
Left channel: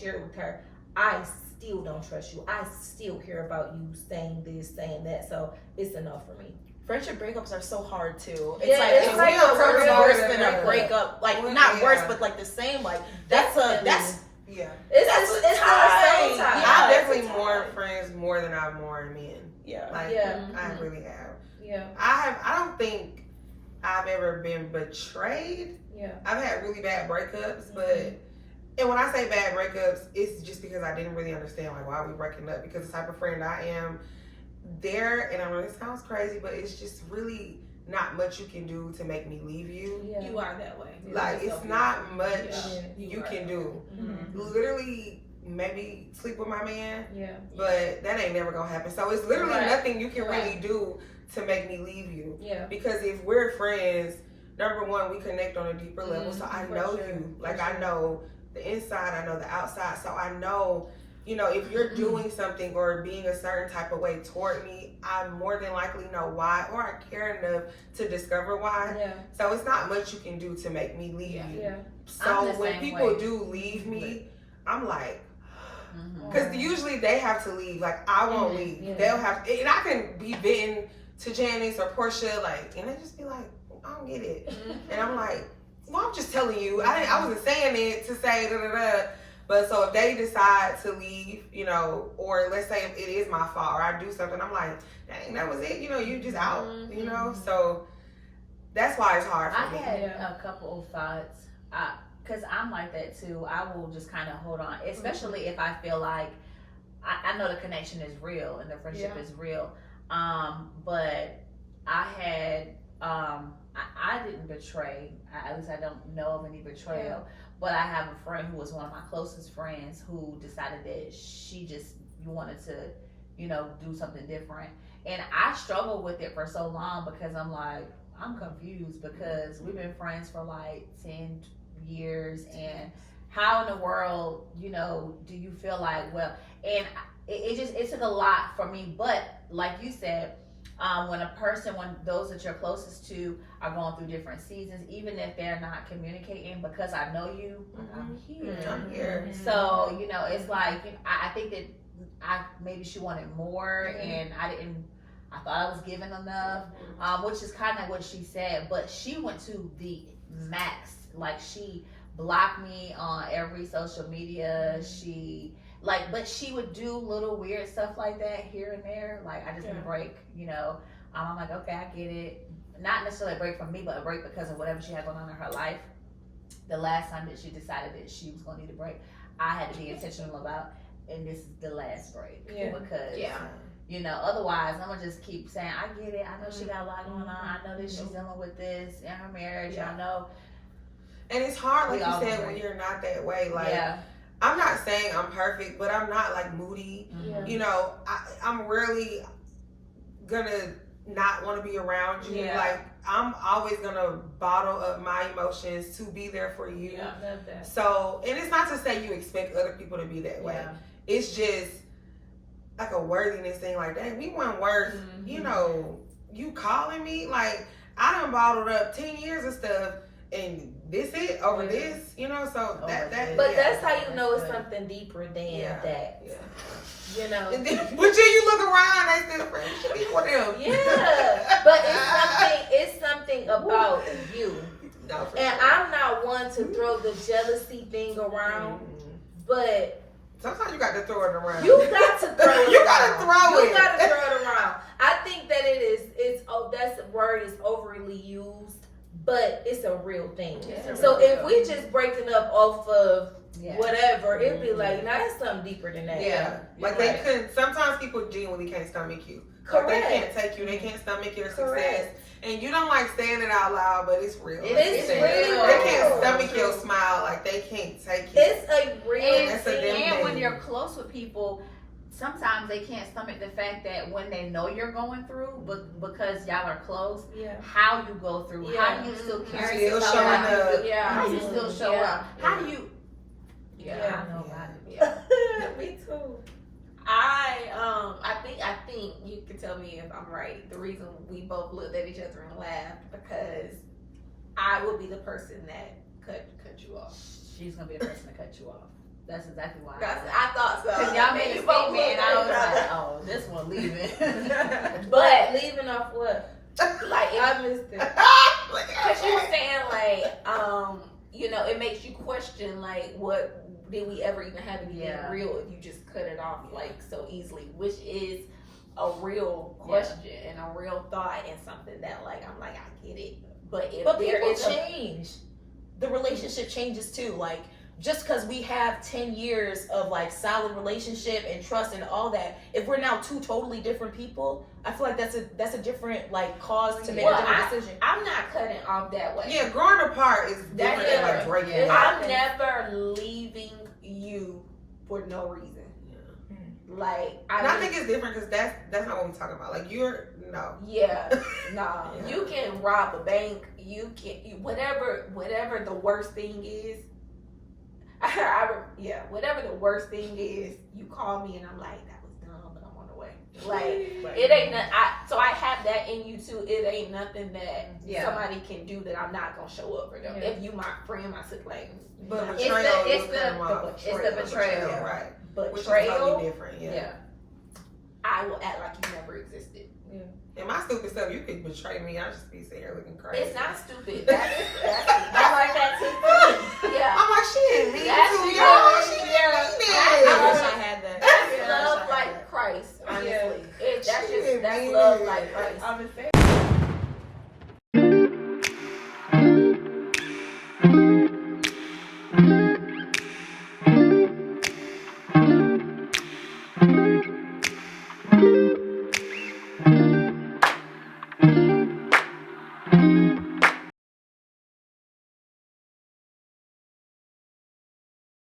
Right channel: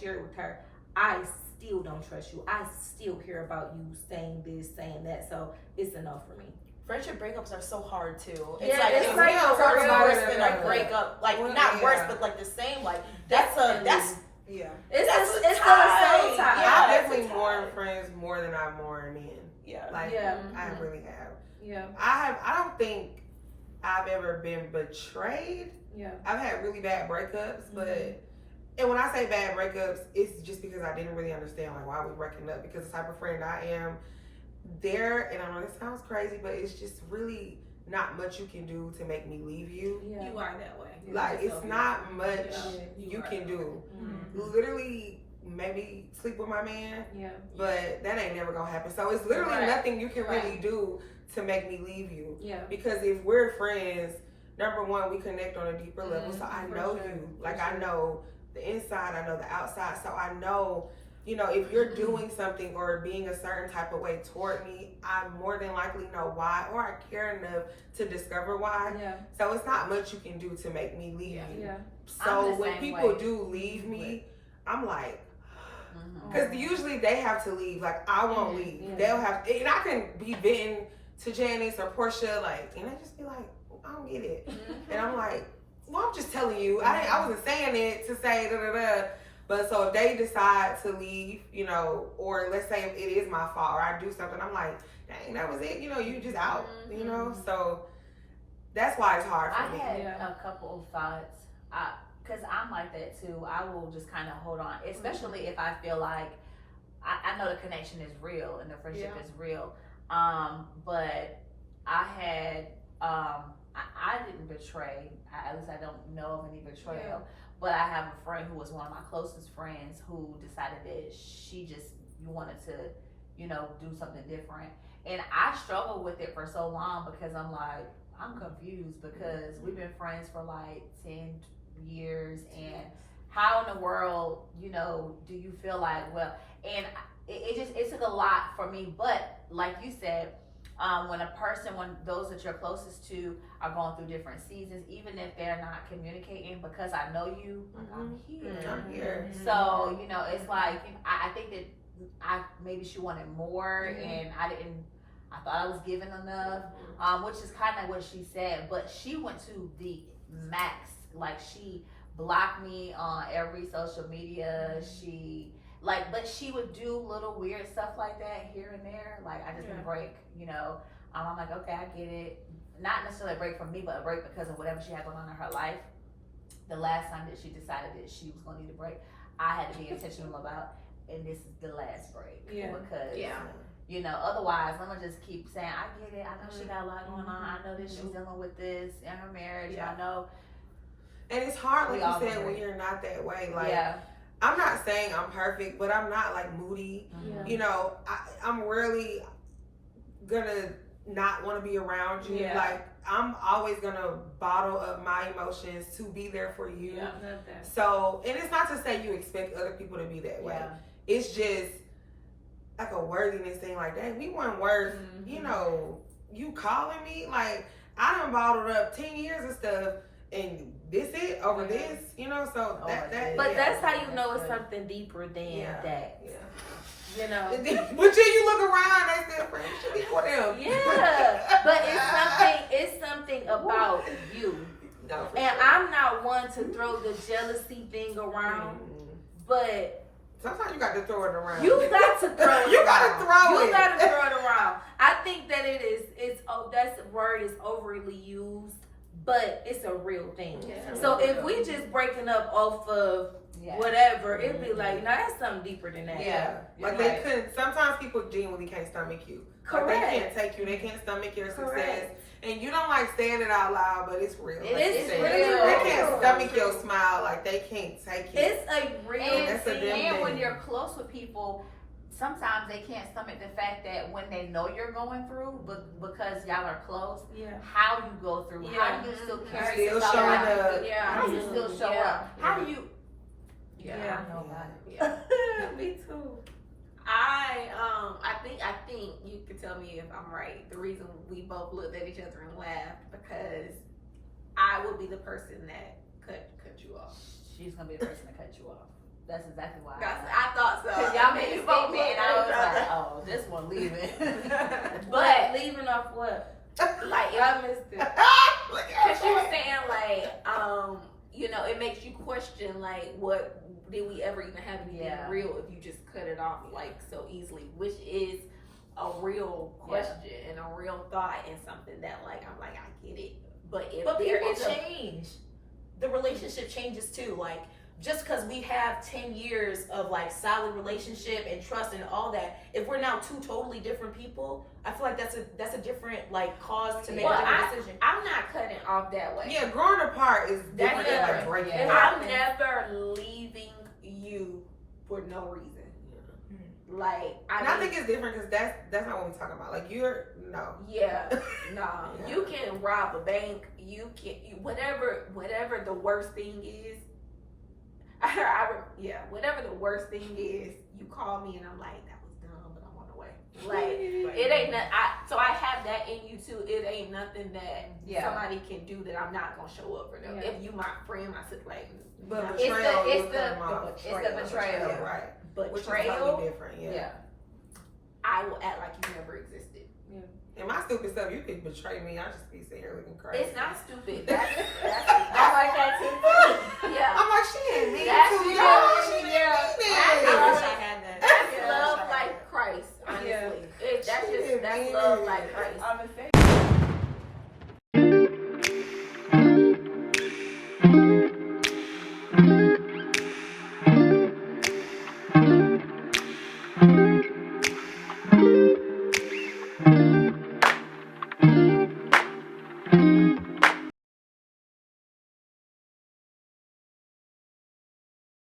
Shared with her, I still don't trust you. I still hear about you saying this, saying that. So it's a no for me. Friendship breakups are so hard too. It's Yeah, like it's it's like real a hurts real worse hurt than a breakup. breakup. Like Well, not worse, yeah. but like the same. Like That's Yeah. it's That's still a the same tie. time. Yeah. I it's definitely a mourn tie. friends more than I mourn men. yeah. Like Yeah. I Mhm. really have. Yeah. I don't think I've ever been betrayed. Yeah. I've had really bad breakups, but Mm-hmm. and when I say bad breakups, it's just because I didn't really understand like why we breaking up. Because the type of friend I am, and I know this sounds crazy, but it's just really not much you can do to make me leave you. Yeah. You are that way. Like it's not much Yeah. you can do. Mhm. Literally, maybe sleep with my man, Yeah. but that ain't never gonna happen. So it's literally Right. nothing you can Right. really do to make me leave you. Yeah. Because if we're friends, number one, we connect on a deeper level. So I for know sure, you. for Like I sure. know the inside, I know the outside. So I know, if you're doing something or being a certain type of way toward me, I more than likely know why, or I care enough to discover why. Yeah. So it's not much you can do to make me leave you. Yeah. So I'm the when same people way. do leave me, I'm like, Mhm. because usually they have to leave. Like I won't leave. Yeah. They'll have, and I can be bitten to Janice or Portia, like, and they just be like, I don't get it, and I'm like, well, I'm just telling you, I wasn't saying it to say da da da. But so if they decide to leave, or let's say if it is my fault or I do something, I'm like, dang, that was it. You just out. So that's why it's hard for I me. had Yeah. a couple of thoughts, because I'm like that too. I will just kind of hold on, especially if I feel like I know the connection is real and the friendship is real. But I had, I didn't betray. At least I don't know of any betrayal. Yeah. But I have a friend who was one of my closest friends who decided that she just wanted to, do something different. And I struggled with it for so long because I'm like, I'm confused because we've been friends for like 10 years, and how in the world, do you feel like, and it took a lot for me. But like you said, when those that you're closest to are going through different seasons, even if they're not communicating, because I know you, I'm here. I'm here. So, it's like, I think that maybe she wanted more, and I thought I was giving enough, which is kind of what she said, but she went to the max. Like, she blocked me on every social media. But she would do little weird stuff like that here and there. Like, I just need a break, I'm like, okay, I get it. Not necessarily a break from me, but a break because of whatever she had going on in her life. The last time that she decided that she was going to need a break, I had to be intentional about, and this is the last break. Yeah. Because, otherwise I'm going to just keep saying, I get it. I know she got a lot going on. I know that she's dealing with this in her marriage. Yeah. I know. And it's hard, like We all you said, agree. when you're not that way. Like, Yeah. I'm not saying I'm perfect, but I'm not like moody. Yeah. I'm really gonna not want to be around you. Yeah. Like, I'm always gonna bottle up my emotions to be there for you. Yeah. Love that. So, and it's not to say you expect other people to be that way. Yeah. It's just like a worthiness thing. Like, dang, we weren't worth, you calling me. Like, I done bottled up 10 years of stuff, and this it over this, you know. So that But that's how you know it's something deeper than that. Yeah. You know. But then you look around, they still friends. You should be with them. Yeah, but it's something about you. No, for And sure. I'm not one to throw the jealousy thing around, but sometimes you got to throw it around. you got to throw it. You got to throw it. You got to throw it around. I think that that word is overly used, but it's a real thing. Yeah. So if we just breaking up off of Yeah. whatever, it'd be like, no, that's something deeper than that. Yeah, like Right. they couldn't. Sometimes people genuinely can't stomach you. Correct. Like they can't take you. They can't stomach your success. Correct. And you don't like saying it out loud, but it's real. It's They real. can't stomach your smile. Like they can't take you. It's a real And, That's a damn and when thing. you're close with people, sometimes they can't stomach the fact that when they know you're going through, but because y'all are close, Yeah. how you go through, Yeah. how you still carry Still yourself, showing how you up. feel- Yeah. how you still show Yeah. up, how do you? Yeah. I know about it. Yeah. Me too. I think you can tell me if I'm right. The reason we both looked at each other and laughed because I would be the person that cut you off. She's gonna be the person to cut you off. That's exactly why. I thought so. Cause y'all made a You both statement, looked and I was at each like, other. oh, this one leaving. But leaving off what? Like I missed it. because you were saying like you know, it makes you question like what did we ever even have anything Yeah. real if you just cut it off like so easily, which is a real question and a real thought and something that like I'm like I get it, but if But there people is a change. The relationship changes too. Like just because we have 10 years of like solid relationship and trust and all that, if we're now two totally different people, I feel like that's a different like cause to make Well, a different decision. I'm not cutting off that way. Yeah, growing apart is different than like different. breaking Yeah. up. I'm never leaving you for no reason. Like And I mean, think it's different because that's not what we're talking about. Like you're no. yeah, no. Yeah. You can rob a bank. You can whatever the worst thing is. Whatever the worst thing is, you call me and I'm like, that was dumb, but I'm on the way. Like it ain't. So I have that in you too. It ain't nothing that somebody can do that I'm not gonna show up for them. Yeah. If you my friend, my sister, like, But no. betrayal, it's you the- cut 'em off. it's the betrayal. right? Which is betrayal, totally different. Yeah. Yeah. I will act like you never existed. And my stupid stuff, you could betray me. I'll just be sitting here looking crazy. It's not stupid. That's I like that too. Yeah. I'm like, she ain't mean That's to you. yeah, She ain't yeah. mean. I wish I had that. That's Yeah, I wish love I had like that. Christ, honestly. She That's ain't love mean. like Christ. I'm the same.